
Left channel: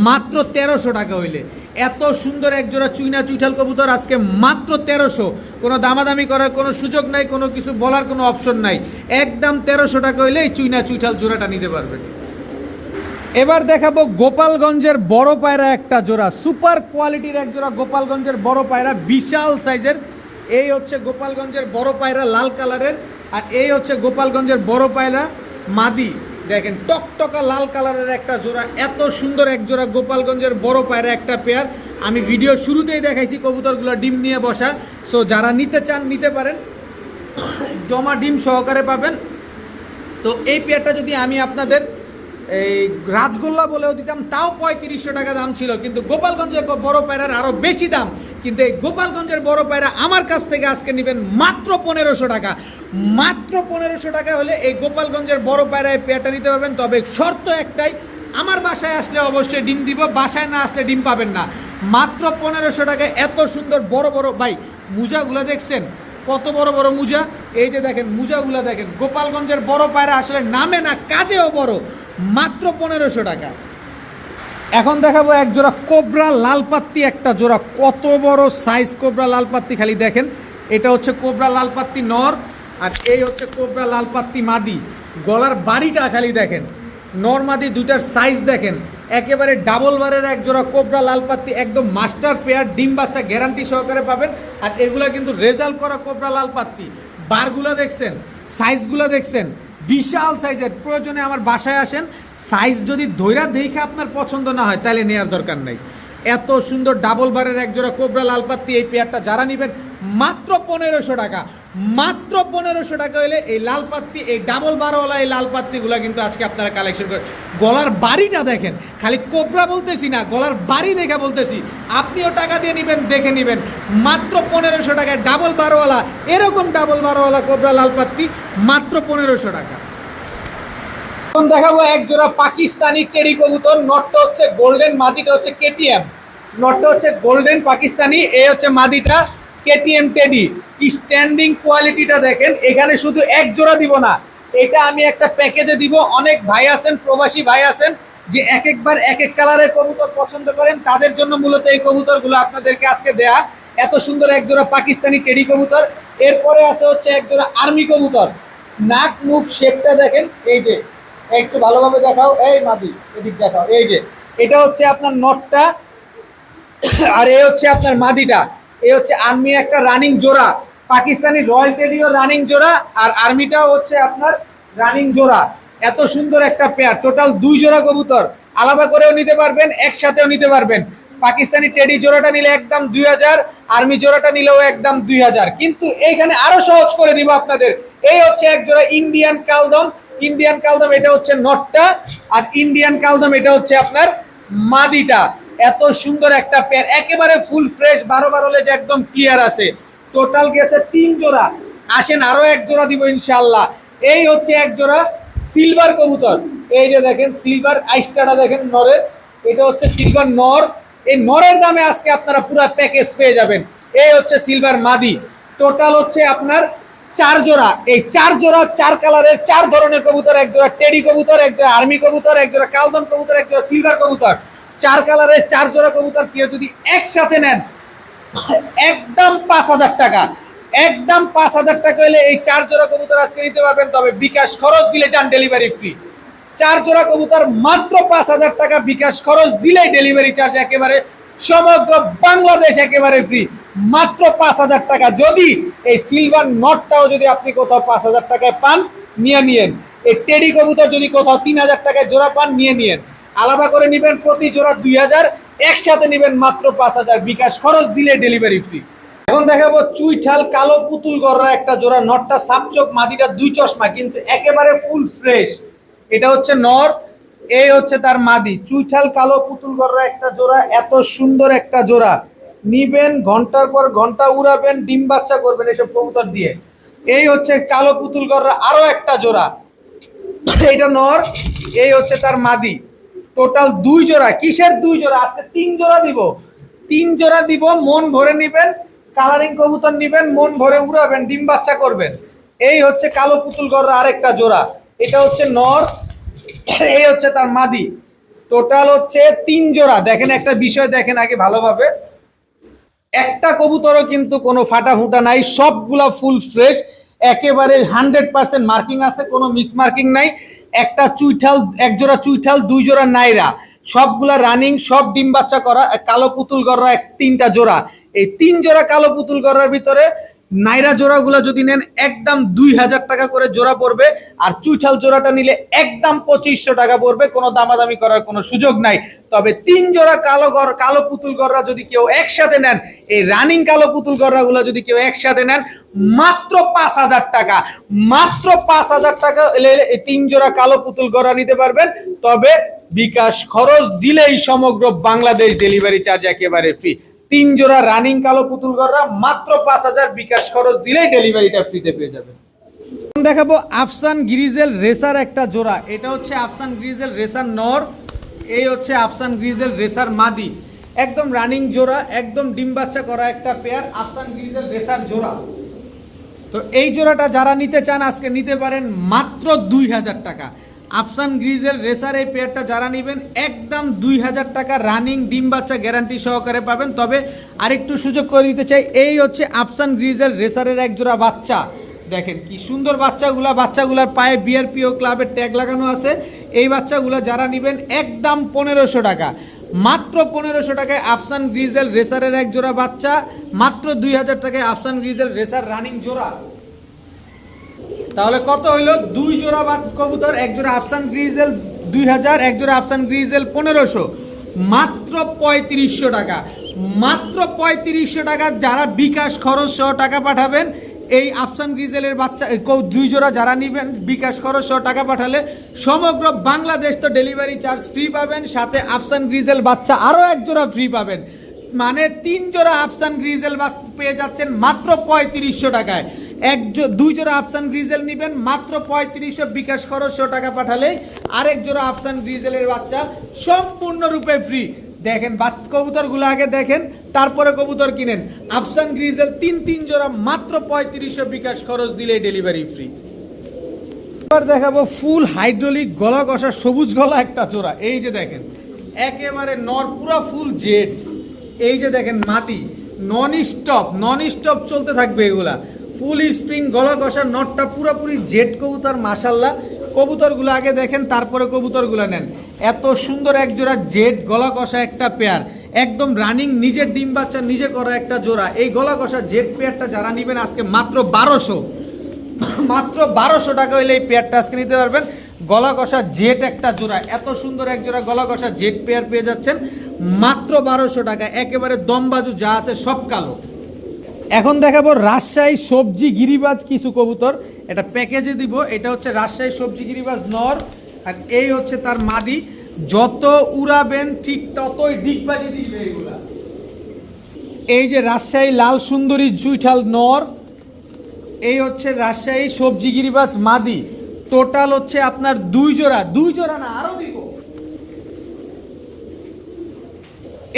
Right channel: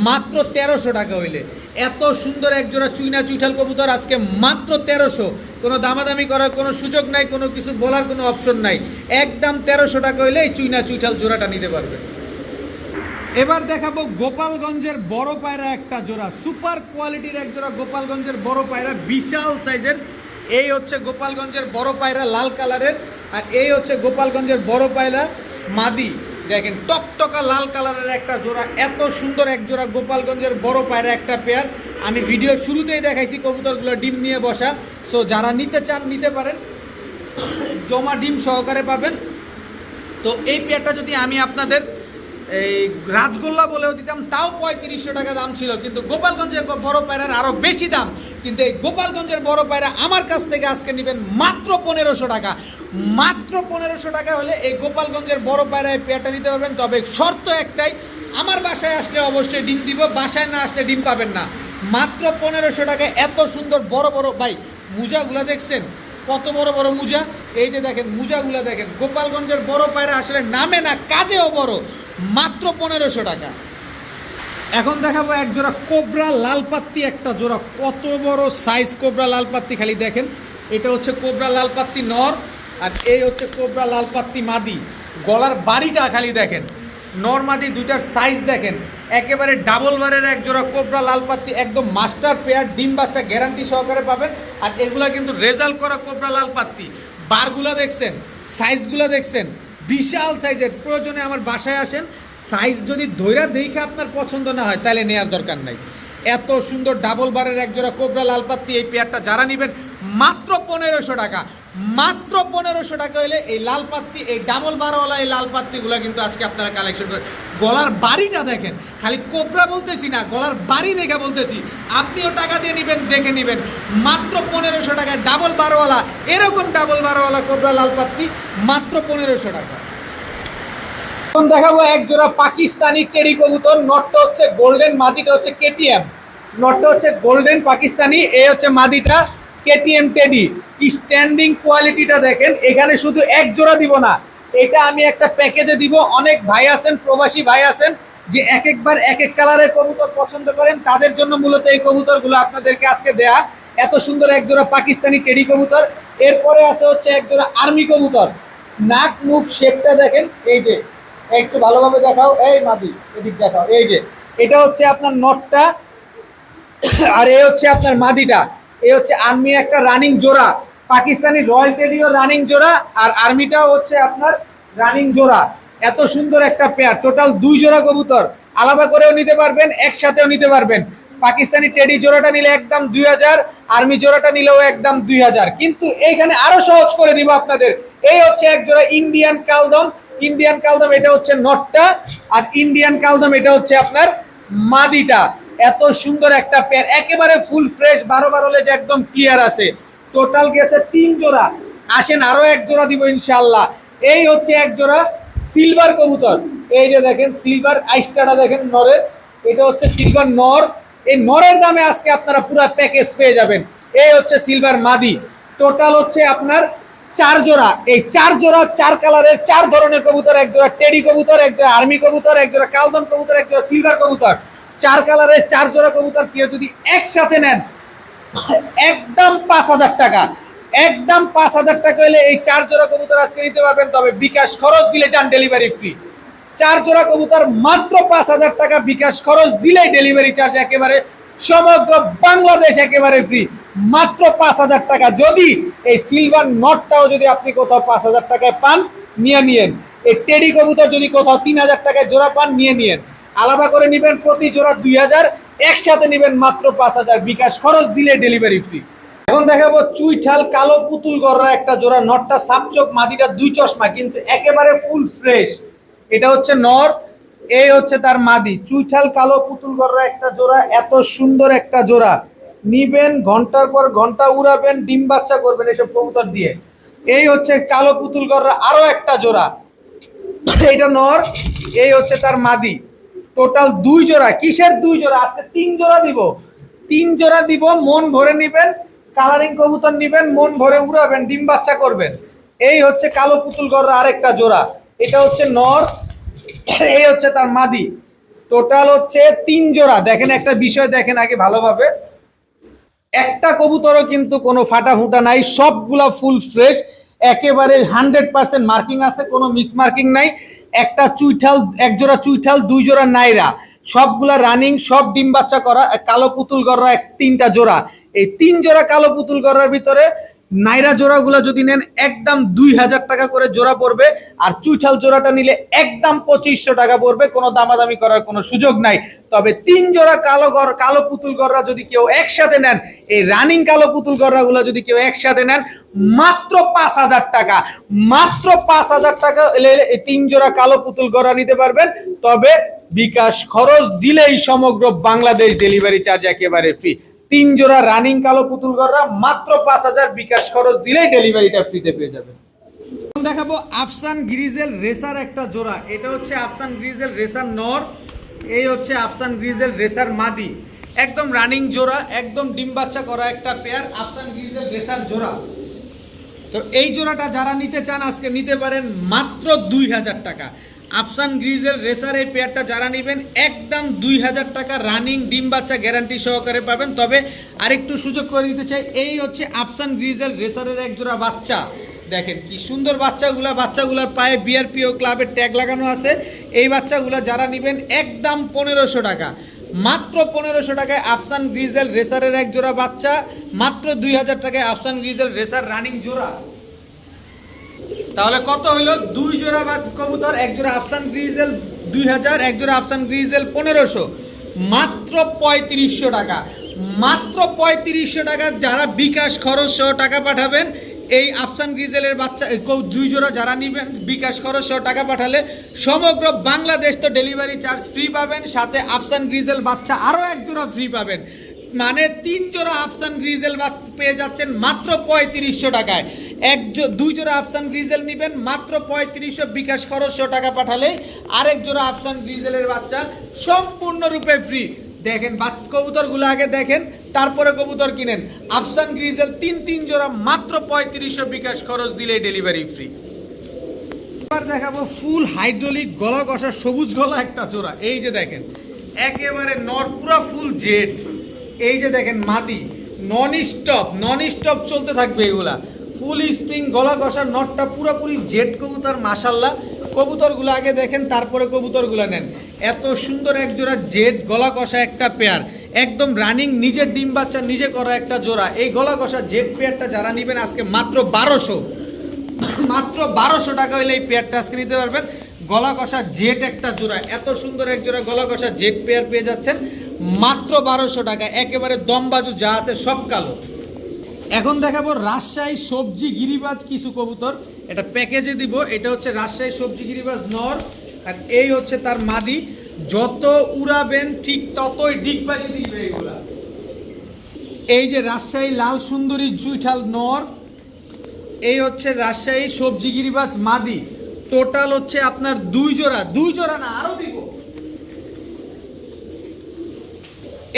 মাত্র 1300 টাকা হইলে। এত সুন্দর এক জোড়া চুইনা চুইঠাল কবুতর আজকে মাত্র 1300। কোনো দামাদামি করার কোনো সুযোগ নাই, কোনো কিছু বলার কোনো অপশন নাই, একদম 1300 টাকা হইলে এই চুইনা চুইঠাল জোড়াটা নিতে পারবেন। এবার দেখাবো গোপালগঞ্জের বড় পায়রা একটা জোড়া, সুপার কোয়ালিটির এক জোড়া গোপালগঞ্জের বড় পায়রা, বিশাল সাইজের। এই হচ্ছে গোপালগঞ্জের বড় পায়রা লাল কালারের, আর এই হচ্ছে গোপালগঞ্জের বড় পায়রা মাদি। দেখেন টকটকা লাল কালারের একটা জোড়া, এত সুন্দর এক জোড়া গোপালগঞ্জের বড় পায়রা একটা পেয়ার। আমি ভিডিও শুরুতেই দেখাইছি কবুতরগুলো ডিম নিয়ে বসা। সো যারা নিতে চান নিতে পারেন, জমা ডিম সহকারে পাবেন। তো এই পেয়ারটা যদি আমি আপনাদের এই রাজগোল্লা বলেও দিতাম তাও 3500 টাকা দাম ছিল, কিন্তু গোপালগঞ্জের বড় পায়রার আরও বেশি দাম। কিন্তু এই গোপালগঞ্জের বড় পায়রা আমার কাছ থেকে আজকে নেবেন মাত্র 1500 টাকা। মাত্র 1500 টাকা হলে এই গোপালগঞ্জের বড় পায়রা এই পেয়ারটা নিতে পারবেন। তবে শর্ত একটাই, আমার বাসায় আসলে অবশ্যই ডিম দিব, বাসায় না আসলে ডিম পাবেন না। মাত্র 1500 টাকায় এত সুন্দর বড় বড় ভাই মুজাগুলো দেখছেন, কত বড় বড় মুজা। এই যে দেখেন মুজাগুলো দেখেন, গোপালগঞ্জের বড় পায়রা আসলে নামে না, কাজেও বড়। মাত্র 1500 টাকা। এখন দেখাবো এক জোড়া কোবরা লালপাত্তি, একটা জোড়া কত বড় সাইজ কোবরা লালপাত্তি, খালি দেখেন। এটা হচ্ছে কোবরা লালপাত্তি নর, আর এই হচ্ছে কোবরা লালপাত্তি মাদি। গলার বাড়িটা খালি দেখেন, নর মাদি দুইটার সাইজ দেখেন, একেবারে ডাবল বারের এক জোড়া কোবরা লালপাত্তি, একদম মাস্টার পেয়ার, ডিম বাচ্চা গ্যারান্টি সহকারে পাবেন। আর এগুলা কিন্তু রেজাল্ট করা কোবরা লালপাত্তি। বারগুলো দেখছেন, সাইজগুলো দেখছেন, বিশাল সাইজের। প্রয়োজনে আমার বাসায় আসেন, সাইজ যদি ধৈরা দেখে আপনার পছন্দ না হয় তাহলে নেওয়ার দরকার নাই। এত সুন্দর ডাবল বারের এক জোড়া কোবরা লালপাত্তি, এই পেয়ারটা যারা নেবেন মাত্র 1500 টাকা। মাত্র 1500 টাকা হলে এই লালপাত্তি, এই ডাবল বারওয়ালা এই লালপাত্তিগুলো কিন্তু আজকে আপনারা কালেকশন করেন। গলার বাড়িটা দেখেন, খালি কোবরা বলতেছি না, গলার বাড়ি দেখে বলতেছি। আপনিও টাকা দিয়ে নেবেন, দেখে নেবেন। মাত্র 1500 টাকায় ডাবল বারওয়ালা, এরকম ডাবল বারওয়ালা কোবরা লালপাত্তি মাত্র 1500 টাকা। এখন দেখাবো এক জোড়া পাকিস্তানি টেডি কবুতর। নটটা হচ্ছে গোল্ডেন, মাদিটা হচ্ছে কেটিএম। নটটা হচ্ছে গোল্ডেন পাকিস্তানি, এই হচ্ছে মাদিটা কেটিএম টেডি। স্ট্যান্ডিং কোয়ালিটিটা দেখেন, এখানে শুধু এক জোড়া দিব না, এটা আমি একটা প্যাকেজে দিব। অনেক ভাই আছেন, প্রবাসী ভাই আছেন, যে এক একবার এক এক কালারের কবুতর পছন্দ করেন, তাদের জন্য মূলত এই কবুতরগুলো আপনাদেরকে আজকে দেয়া। এত সুন্দর এক জোড়া পাকিস্তানি টেডি কবুতর। এরপরে আছে হচ্ছে এক জোড়া আর্মি কবুতর। নাক মুখ শেপটা দেখেন, এই যে একটু ভালোভাবে দেখাও, এই মাদি এদিক দেখাও, এই যে এটা হচ্ছে আপনার নটটা, আর এই হচ্ছে আপনার মাদিটা। এই হচ্ছে আর্মি একটা রানিং জোড়া, পাকিস্তানি রয়্যাল টেডিও রানিং জোড়া, আর আর্মিটাও হচ্ছে আপনার রানিং জোড়া। এত সুন্দর একটা পেয়ার, টোটাল 2 জোড়া কবুতর। আলাদা করেও নিতে পারবেন, একসাথেও নিতে পারবেন। পাকিস্তানি টেডি জোড়াটা নিলে একদম 2000, আর্মি জোড়াটা নিলেও একদম 2000। কিন্তু এইখানে আরো সহজ করে দিব আপনাদের। এই হচ্ছে এক জোড়া ইন্ডিয়ান কালদম। ইন্ডিয়ান কালদম এটা হচ্ছে নটটা, আর ইন্ডিয়ান কালদম এটা হচ্ছে আপনার মাদিটা। এত সুন্দর একটা পেয়ার, একেবারে ফুল ফ্রেশ, 12 হলে যে একদম ক্লিয়ার আছে। টোটাল গেছে 3 জোড়া। আসেন আরো এক জোড়া দিব ইনশাআল্লাহ। এই হচ্ছে এক জোড়া সিলভার কবুতর। এই যে দেখেন সিলভার আইস্টাটা দেখেন নরের, এটা হচ্ছে সিলভার নর। এই নরের দামে আজকে আপনারা পুরো প্যাকেজ পেয়ে যাবেন। এই হচ্ছে সিলভার মাদি। টোটাল হচ্ছে আপনার 4 জোড়া। এই 4 জোড়া 4 কালারের 4 ধরনের কবুতর, এক জোড়া টেডি কবুতর, এক জোড়া আর্মি কবুতর, এক জোড়া কালদম কবুতর, এক জোড়া সিলভার কবুতর। 4 কালারের 4 জোড়া কবুতর কেউ যদি একসাথে নেন একদম 5000 টাকা। একদম 5000 টাকা হলে এই 4 জোড়া কবুতর আজকে নিতে পারবেন, তবে বিকাশ খরচ দিলে যান ডেলিভারি ফ্রি। 4 জোড়া কবুতর মাত্র 5000 টাকা, বিকাশ খরচ দিলে ডেলিভারি চার্জ একেবারে সমগ্র বাংলাদেশ একেবারে ফ্রি, মাত্র 5000 টাকা। যদি এই সিলভার নটটাও যদি আপনি কোথাও 5000 টাকায় পান, নিয়ে নিয়েন। এই টেডি কবুতর যদি কোথাও 3000 টাকায় জোড়া পান, নিয়ে নিয়েন। আলাদা করে নেবেন প্রতি জোড়া 2000, একসাথে নেবেন মাত্র 5000, বিকাশ খরচ দিলে ডেলিভারি ফ্রি। এখন দেখাবো চুইঠাল কালো পুতুল গররা একটা জোড়া। নটটা সাপচোক, মাদিটা 2 চশমা, কিন্তু একেবারে ফুল ফ্রেশ। এটা হচ্ছে নর, এই হচ্ছে তার মাদি। চুইঠাল কালো পুতুল গররা একটা জোড়া। এত সুন্দর একটা জোড়া নিবেন, ঘন্টার পর ঘন্টা উড়াবেন, ডিম বাচ্চা করবেন এসব কবুতর দিয়ে। এই হচ্ছে কালো পুতুল গররা আরো একটা জোড়া, এটা নর, এই হচ্ছে তার মাদি। টোটাল 2 জোড়া। কিসের 2 জোড়া? আজকে 3 জোড়া দিব। 3 জোড়া দিব, মন ভরে নিবেন। কালারিং কবুতর নিবেন, মন ভরে উড়াবেন, ডিম বাচ্চা করবেন। এই হচ্ছে কালো পুতুল গররা আরেকটা জোড়া, এটা হচ্ছে নর, এই হচ্ছে তার মাদি। টোটাল হচ্ছে 3 জোড়া। দেখেন একটা বিষয় দেখেন আগে ভালোভাবে, একটা কবুতরও কিন্তু কোনো ফাটা ফুটা নাই, সবগুলা ফুল ফ্রেশ, একেবারে 100% মার্কিং আছে, কোনো মিস মার্কিং নাই। একটা চুইঠাল, এক জোড়া চুইঠাল, 2 জোড়া নাইরা, সবগুলা রানিং, সব ডিম বাচ্চা করা। কালো পুতুল গররা 3টা জোড়া। এই 3 জোড়া কালো পুতুল গররার ভিতরে নাইরা জোড়াগুলো যদি নেন একদম 2000 টাকা করে জোড়া পড়বে, আর চুইঠাল জোড়াটা নিলে একদম 2500 টাকা পড়বে। কোনো দামাদামি করার কোনো সুযোগ নাই। তবে 3 জোড়া কালো পুতুল গররা যদি কেউ একসাথে নেন, এই রানিং কালো পুতুল গররাগুলো যদি কেউ একসাথে নেন মাত্র 5000 টাকা। মাত্র 5000 টাকা হলে এই 3 জোড়া কালো পুতুল গররা নিতে পারবেন। তবে বিকাশ খরচ দিলেই সমগ্র বাংলাদেশ ডেলিভারি চার্জ একেবারে ফ্রি। 3 জোড়া রানিং কালো পুতুল গররা মাত্র 5000, বিকাশ খরচ দিলেই ডেলিভারিটা ফ্রিতে পেয়ে যাবেন। দেখাবো আফসান গ্রিজেল রেসার একটা জোড়া। এটা হচ্ছে আফসান গ্রিজেল রেসার নর, এই হচ্ছে আফসান গ্রিজেল রেসার মাদি, একদম রানিং জোড়া, একদম ডিম বাচ্চা করা একটা পেয়ার আফসান গ্রিজেল রেসার জোড়া। তো এই জোড়াটা যারা নিতে চান আজকে নিতে পারেন মাত্র 2000 টাকা। আফসান গ্রিজেল রেসার এই পেয়ারটা যারা নেবেন একদম 2000 টাকা রানিং ডিম বাচ্চা গ্যারান্টি সহকারে পাবেন। তবে আরেকটু সুযোগ করে দিতে চাই, এই হচ্ছে আফসান গ্রিজেল রেসারের এক জোড়া বাচ্চা, দেখেন কি সুন্দর বাচ্চাগুলার পায়ে বিআরপিও ক্লাবের ট্যাগ লাগানো আছে। এই বাচ্চাগুলো যারা নেবেন একদম 1500 টাকা, মাত্র 1500 টাকায় আফসান গ্রিজেল রেসারের এক জোড়া বাচ্চা, মাত্র 2000 টাকায় আফসান গ্রিজেল রেসার রানিং জোড়া। তাহলে কত হইল? 2 জোড়া কবুতর, এক জোড়া আফসান গ্রিজেল 2000, এক জোড়া আফসান গ্রিজেল 1500, মাত্র 3500 টাকা। মাত্র 3500 টাকা যারা বিকাশ খরচ সহ টাকা পাঠাবেন, এই আফসান গ্রিজেলের বাচ্চা 2 জোড়া যারা নেবেন বিকাশ খরচ সহ টাকা পাঠালে সমগ্র বাংলাদেশ তো ডেলিভারি চার্জ ফ্রি পাবেন, সাথে আফসান গ্রিজেল বাচ্চা আরও এক জোড়া ফ্রি পাবেন। মানে 3 জোড়া আফসান গ্রিজেল পেয়ে যাচ্ছেন মাত্র 3500 টাকায়। 2 জোড়া আফসান গ্রিজেল নেবেন মাত্র 3500 বিকাশ খরচ সহ টাকা পাঠালে আরেক জোড়া আফসান গ্রিজেলের বাচ্চা সম্পূর্ণরূপে ফ্রি। দেখেন কবুতরগুলো আগে দেখেন, তারপরে কবুতর কিনেন। আফসান গ্রিজেল 3 জোড়া মাত্র 3500 বিকাশ খরচ দিলে ডেলিভারি ফ্রি। এবার দেখাবো ফুল হাইড্রোলিক গলা কষা সবুজ গলা একটা জোড়া, এই যে দেখেন একেবারে নর পুরো ফুল জেড। এই যে দেখেন মাদি, নন স্টপ চলতে থাকবে এগুলা, ফুল স্প্রিং গলা কষা, নটটা পুরোপুরি জেড কবুতর। মাশাল্লাহ কবুতরগুলো আগে দেখেন তারপরে কবুতরগুলো নেন। এত সুন্দর এক জোড়া জেড গলা কষা একটা পেয়ার, একদম রানিং নিজের ডিম বাচ্চা নিজে করা একটা জোড়া। এই গলা কষা জেড পেয়ারটা যারা নেবেন আজকে মাত্র 1200 টাকা হলে এই পেয়ারটা আজকে নিতে পারবেন। গলা কষা জেড একটা জোড়া, এত সুন্দর এক জোড়া গলা কষা জেড পেয়ার পেয়ে যাচ্ছেন মাত্র 1200 টাকা। একেবারে দমবাজু যা আছে সব কালো। এখন দেখাবো রাজশাহী সবজি গিরিবাজ কিছু কবুতর, এটা প্যাকেজে দিব। এটা হচ্ছে রাজশাহী সবজি গিরিবাজ নর, আর এই হচ্ছে তার মাদি। যত উড়াবেন ঠিক ততই ডিগবাজি দিবে এগুলা। এই যে রাজশাহী লাল সুন্দরী জুইঠাল নর, এই হচ্ছে রাজশাহী সবজি গিরিবাজ মাদি। টোটাল হচ্ছে আপনার 2 জোড়া না আরো দিব।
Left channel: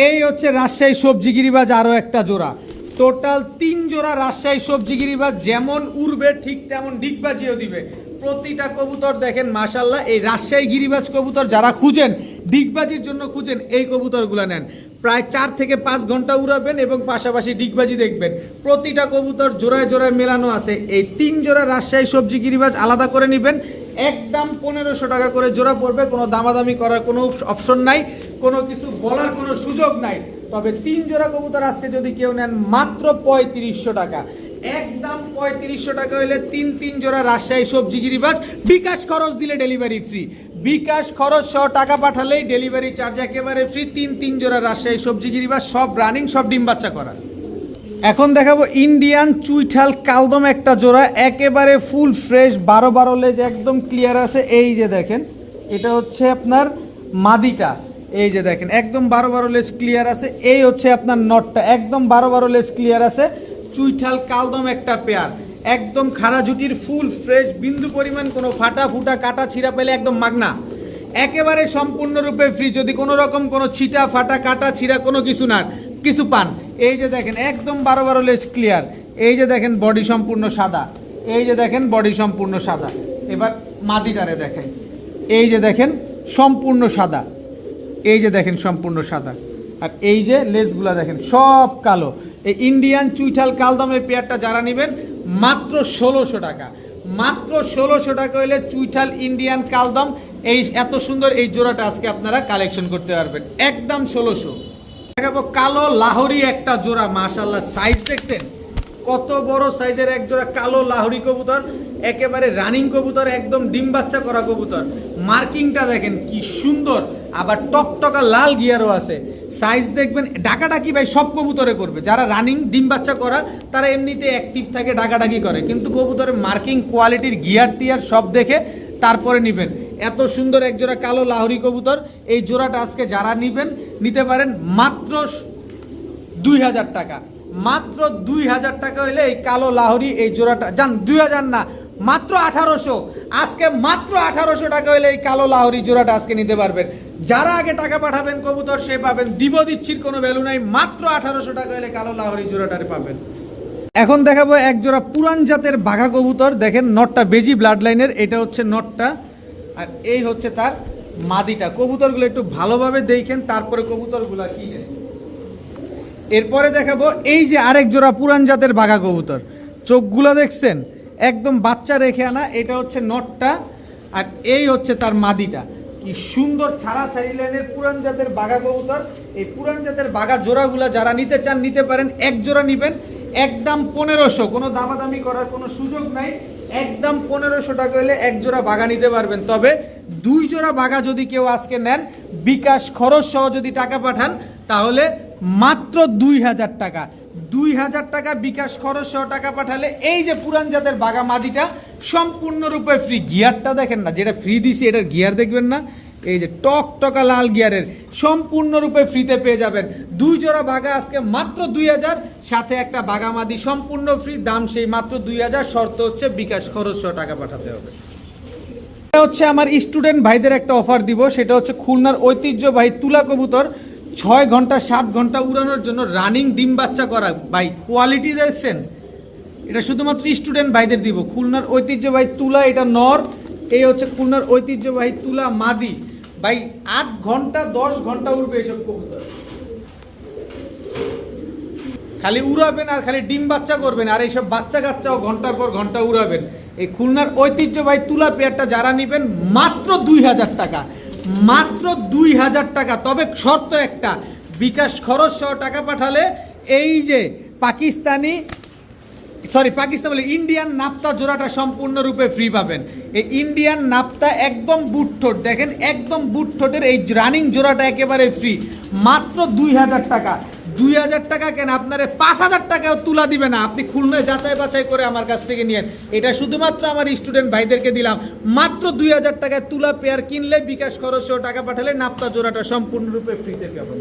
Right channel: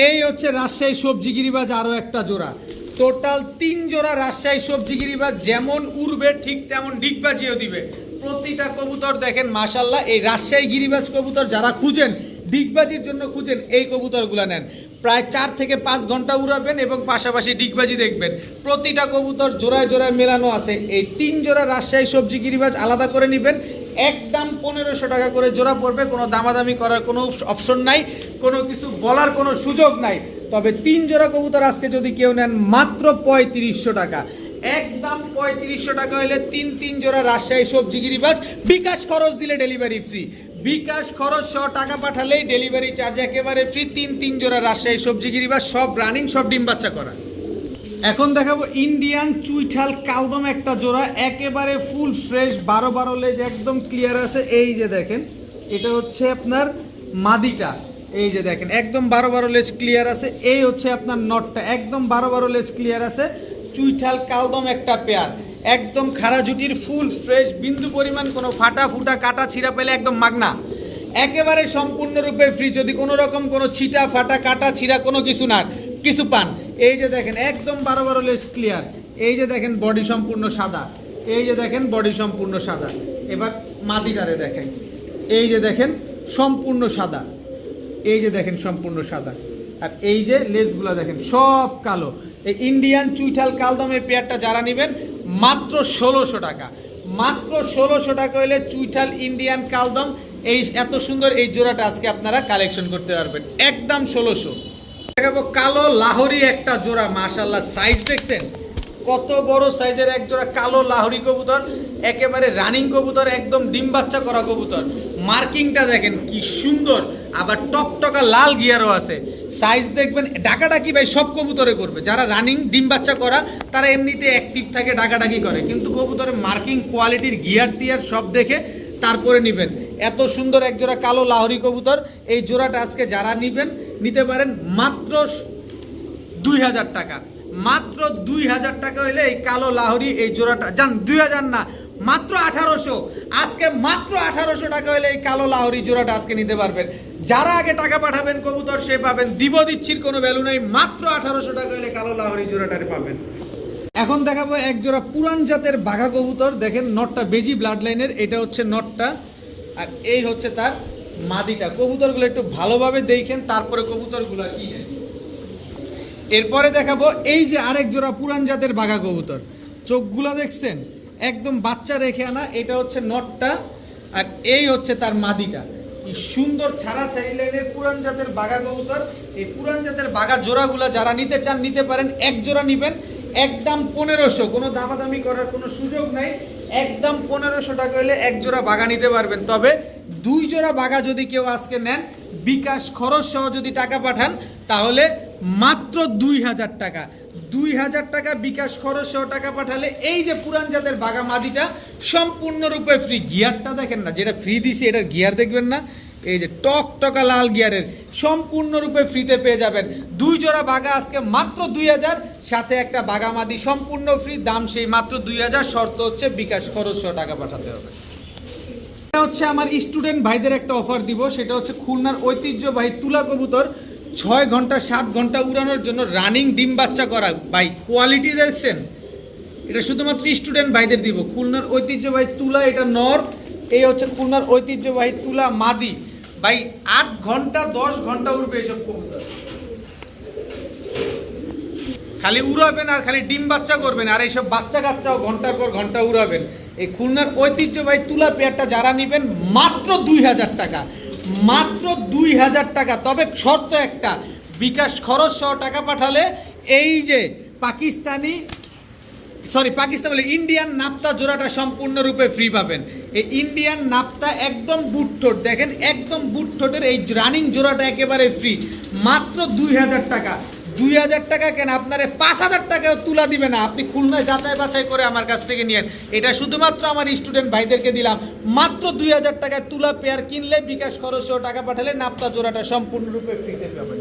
এই হচ্ছে রাজশাহী সবজি গিরিবাজ আরো একটা জোড়া, টোটাল 3 জোড়া রাজশাহী সবজি গিরিবাজ। যেমন উড়বে ঠিক তেমন ডিগবাজিও দিবে। প্রতিটা কবুতর দেখেন মাশাল্লাহ। এই রাজশাহী গিরিবাজ কবুতর যারা খুঁজেন, ডিগবাজির জন্য খুঁজেন, এই কবুতরগুলো নেন। প্রায় 4 থেকে 5 ঘন্টা উড়াবেন এবং পাশাপাশি ডিগবাজি দেখবেন। প্রতিটা কবুতর জোড়ায় মেলানো আছে। এই 3 জোড়া রাজশাহী সবজি গিরিবাজ আলাদা করে নেবেন, একদম 1500 টাকা করে জোড়া পড়বে। কোনো দামাদামি করার কোনো অপশন নাই, কোনো কিছু বলার কোনো সুযোগ নাই। তবে 3 জোড়া কবুতর আজকে যদি কেউ নেন মাত্র 3500 টাকা, একদম 3500 টাকা হলে 3 জোড়া রাজশাহী সবজি গিরিবাজ বিকাশ খরচ দিলে ডেলিভারি ফ্রি। বিকাশ খরচ সহ টাকা পাঠালেই ডেলিভারি চার্জ একেবারে ফ্রি। 3 জোড়া রাজশাহী সবজি গিরিবাজ, সব রানিং, সব ডিম বাচ্চা করা। এখন দেখাবো ইন্ডিয়ান চুইঠাল কালদম একটা জোড়া, একেবারে ফুল ফ্রেশ, 12 লেজ একদম ক্লিয়ার আছে। এই যে দেখেন এটা হচ্ছে আপনার মাদিটা, এই যে দেখেন একদম 12 লেজ ক্লিয়ার আছে। এই হচ্ছে আপনার নটটা, একদম 12 লেজ ক্লিয়ার আছে। চুইঠাল কালদম একটা পেয়ার, একদম খাড়া জুটির, ফুল ফ্রেশ, বিন্দু পরিমাণ কোনো ফাটা ফুটা কাটা ছিঁড়া পেলে একদম মাগনা, একেবারে সম্পূর্ণরূপে ফ্রি। যদি কোনো রকম কোনো ছিটা ফাটা কাটা ছিঁড়া কোনো কিছু পান, এই যে দেখেন একদম 12 লেজ ক্লিয়ার। এই যে দেখেন বডি সম্পূর্ণ সাদা, এই যে দেখেন বডি সম্পূর্ণ সাদা। এবার মাদিটারে দেখেন, এই যে দেখেন সম্পূর্ণ সাদা, এই যে দেখেন সম্পূর্ণ সাদা। আর এই যে লেজগুলা দেখেন সব কালো। এই ইন্ডিয়ান চুইঠাল কালদমের পেয়ারটা যারা নেবেন মাত্র 1600 টাকা, মাত্র 1600 টাকা হইলে চুইঠাল ইন্ডিয়ান কালদম এই এত সুন্দর এই জোড়াটা আজকে আপনারা কালেকশন করতে পারবেন একদম 1600। দেখাবো কালো লাহোরি একটা জোড়া, মাশাআল্লাহ সাইজ দেখছেন কত বড় সাইজের এক জোড়া কালো লাহোরি কবুতর, একেবারে রানিং কবুতর, একদম ডিম বাচ্চা করা কবুতর। মার্কিংটা দেখেন কি সুন্দর, আবার টকটকা লাল গিয়ারও আছে। সাইজ দেখবেন, ডাকাডাকি ভাই সব কবুতরে করবে। যারা রানিং ডিম বাচ্চা করা তারা এমনিতে অ্যাক্টিভ থাকে, ডাকাডাকি করে, কিন্তু কবুতরের মার্কিং কোয়ালিটির গিয়ার টিয়ার সব দেখে তারপরে নেবেন। এত সুন্দর এক জোড়া কালো লাহোরি কবুতর, এই জোড়াটা আজকে যারা নেবেন নিতে পারেন মাত্র 2000 টাকা, মাত্র 2000 টাকা হইলে এই কালো লাহোরি এই জোড়াটা, জান 2000 না মাত্র 1800, আজকে মাত্র 1800 টাকা হইলে এই কালো লাহোরি জোড়াটা আজকে নিতে পারবেন। যারা আগে টাকা পাঠাবেন কবুতর সে পাবেন, দিচ্ছির কোনো ভ্যালু নাই, মাত্র 1800 টাকা হলে কালো লাহোরি জোড়াটারে পাবেন। এখন দেখাবো এক জোড়া পুরান জাতের বাঘা কবুতর। দেখেন নটটা বেজি ব্লাড লাইনের, এটা হচ্ছে নটটা আর এই হচ্ছে তার মাদিটা। কবুতরগুলো একটু ভালোভাবে দেখেন, তারপরে কবুতরগুলো কিনেন। এরপরে দেখাবো এই যে আরেক জোড়া পুরান জাতের বাঘা কবুতর, চোখগুলো দেখছেন একদম বাচ্চা রেখে আনা, এটা হচ্ছে নটটা আর এই হচ্ছে তার মাদিটা। কি সুন্দর ছাড়া ছাড়ি লাইনের পুরান জাতের বাঘা কবুতর। এই পুরান জাতের বাঘা জোড়াগুলা যারা নিতে চান নিতে পারেন, এক জোড়া নিবেন একদম 1500, কোনো দামাদামি করার কোনো সুযোগ নাই, একদম 1500 টাকা হলে এক জোড়া বাঘা নিতে পারবেন। তবে 2 জোড়া বাঘা যদি কেউ আজকে নেন, বিকাশ খরচ সহ যদি টাকা পাঠান তাহলে মাত্র 2000 টাকা, 2000 টাকা বিকাশ খরচ সহ টাকা পাঠালে এই যে পুরান জাতের বাঘা মাদিটা সম্পূর্ণরূপে ফ্রি। গিয়ারটা দেখেন না, যেটা ফ্রি দিছি এটার গিয়ার দেখবেন না, এই যে টকটকা লাল গিয়ারের, সম্পূর্ণরূপে ফ্রিতে পেয়ে যাবেন। 2 জোড়া বাঘা আজকে মাত্র 2000, সাথে একটা বাঘা মাদি সম্পূর্ণ ফ্রি, দাম সেই মাত্র 2000, শর্ত হচ্ছে বিকাশ খরচ সহ টাকা পাঠাতে হবে। এটা হচ্ছে আমার স্টুডেন্ট ভাইদের একটা অফার দিব, সেটা হচ্ছে খুলনার ঐতিহ্যবাহী তুলা কবুতর, 6 ঘন্টা 7 ঘন্টা উড়ানোর জন্য রানিং ডিম বাচ্চা করা। ভাই কোয়ালিটি দেখছেন, এটা শুধুমাত্র স্টুডেন্ট ভাইদের দিব। খুলনার ঐতিহ্যবাহী তুলা, এটা নর, এই হচ্ছে খুলনার ঐতিহ্যবাহী তুলা মাদি। ভাই 8 ঘন্টা 10 ঘন্টা উড়বে এসব কবুতর, খালি উড়াবেন আর খালি ডিম বাচ্চা করবেন, আর এইসব বাচ্চা কাচ্চাও ঘন্টার পর ঘন্টা উড়াবেন। এই খুলনার ঐতিহ্যবাহী তুলা পেয়ারটা যারা নেবেন মাত্র 2000 টাকা, মাত্র 2000 টাকা। তবে শর্ত একটা, বিকাশ খরচ সহ টাকা পাঠালে এই যে পাকিস্তান বলে ইন্ডিয়ান নাপ্তা জোড়াটা সম্পূর্ণরূপে ফ্রি পাবেন। এই ইন্ডিয়ান নাপ্তা একদম বুটঠোঁট, দেখেন একদম বুটঠোঁটের এই রানিং জোড়াটা একেবারে ফ্রি, মাত্র 2000 টাকা। 2000 টাকা কেন, আপনারে 5000 টাকাও তুলা দিবে না, আপনি খুলনায় যাচাই বাছাই করে আমার কাছ থেকে নিয়েন। এটা শুধুমাত্র আমার স্টুডেন্ট ভাইদেরকে দিলাম, মাত্র 2000 টাকায় তুলা পেয়ার কিনলে বিকাশ খরচ সহ টাকা পাঠালে নাপ্তা জোড়াটা সম্পূর্ণরূপে ফ্রিতে পাবেন।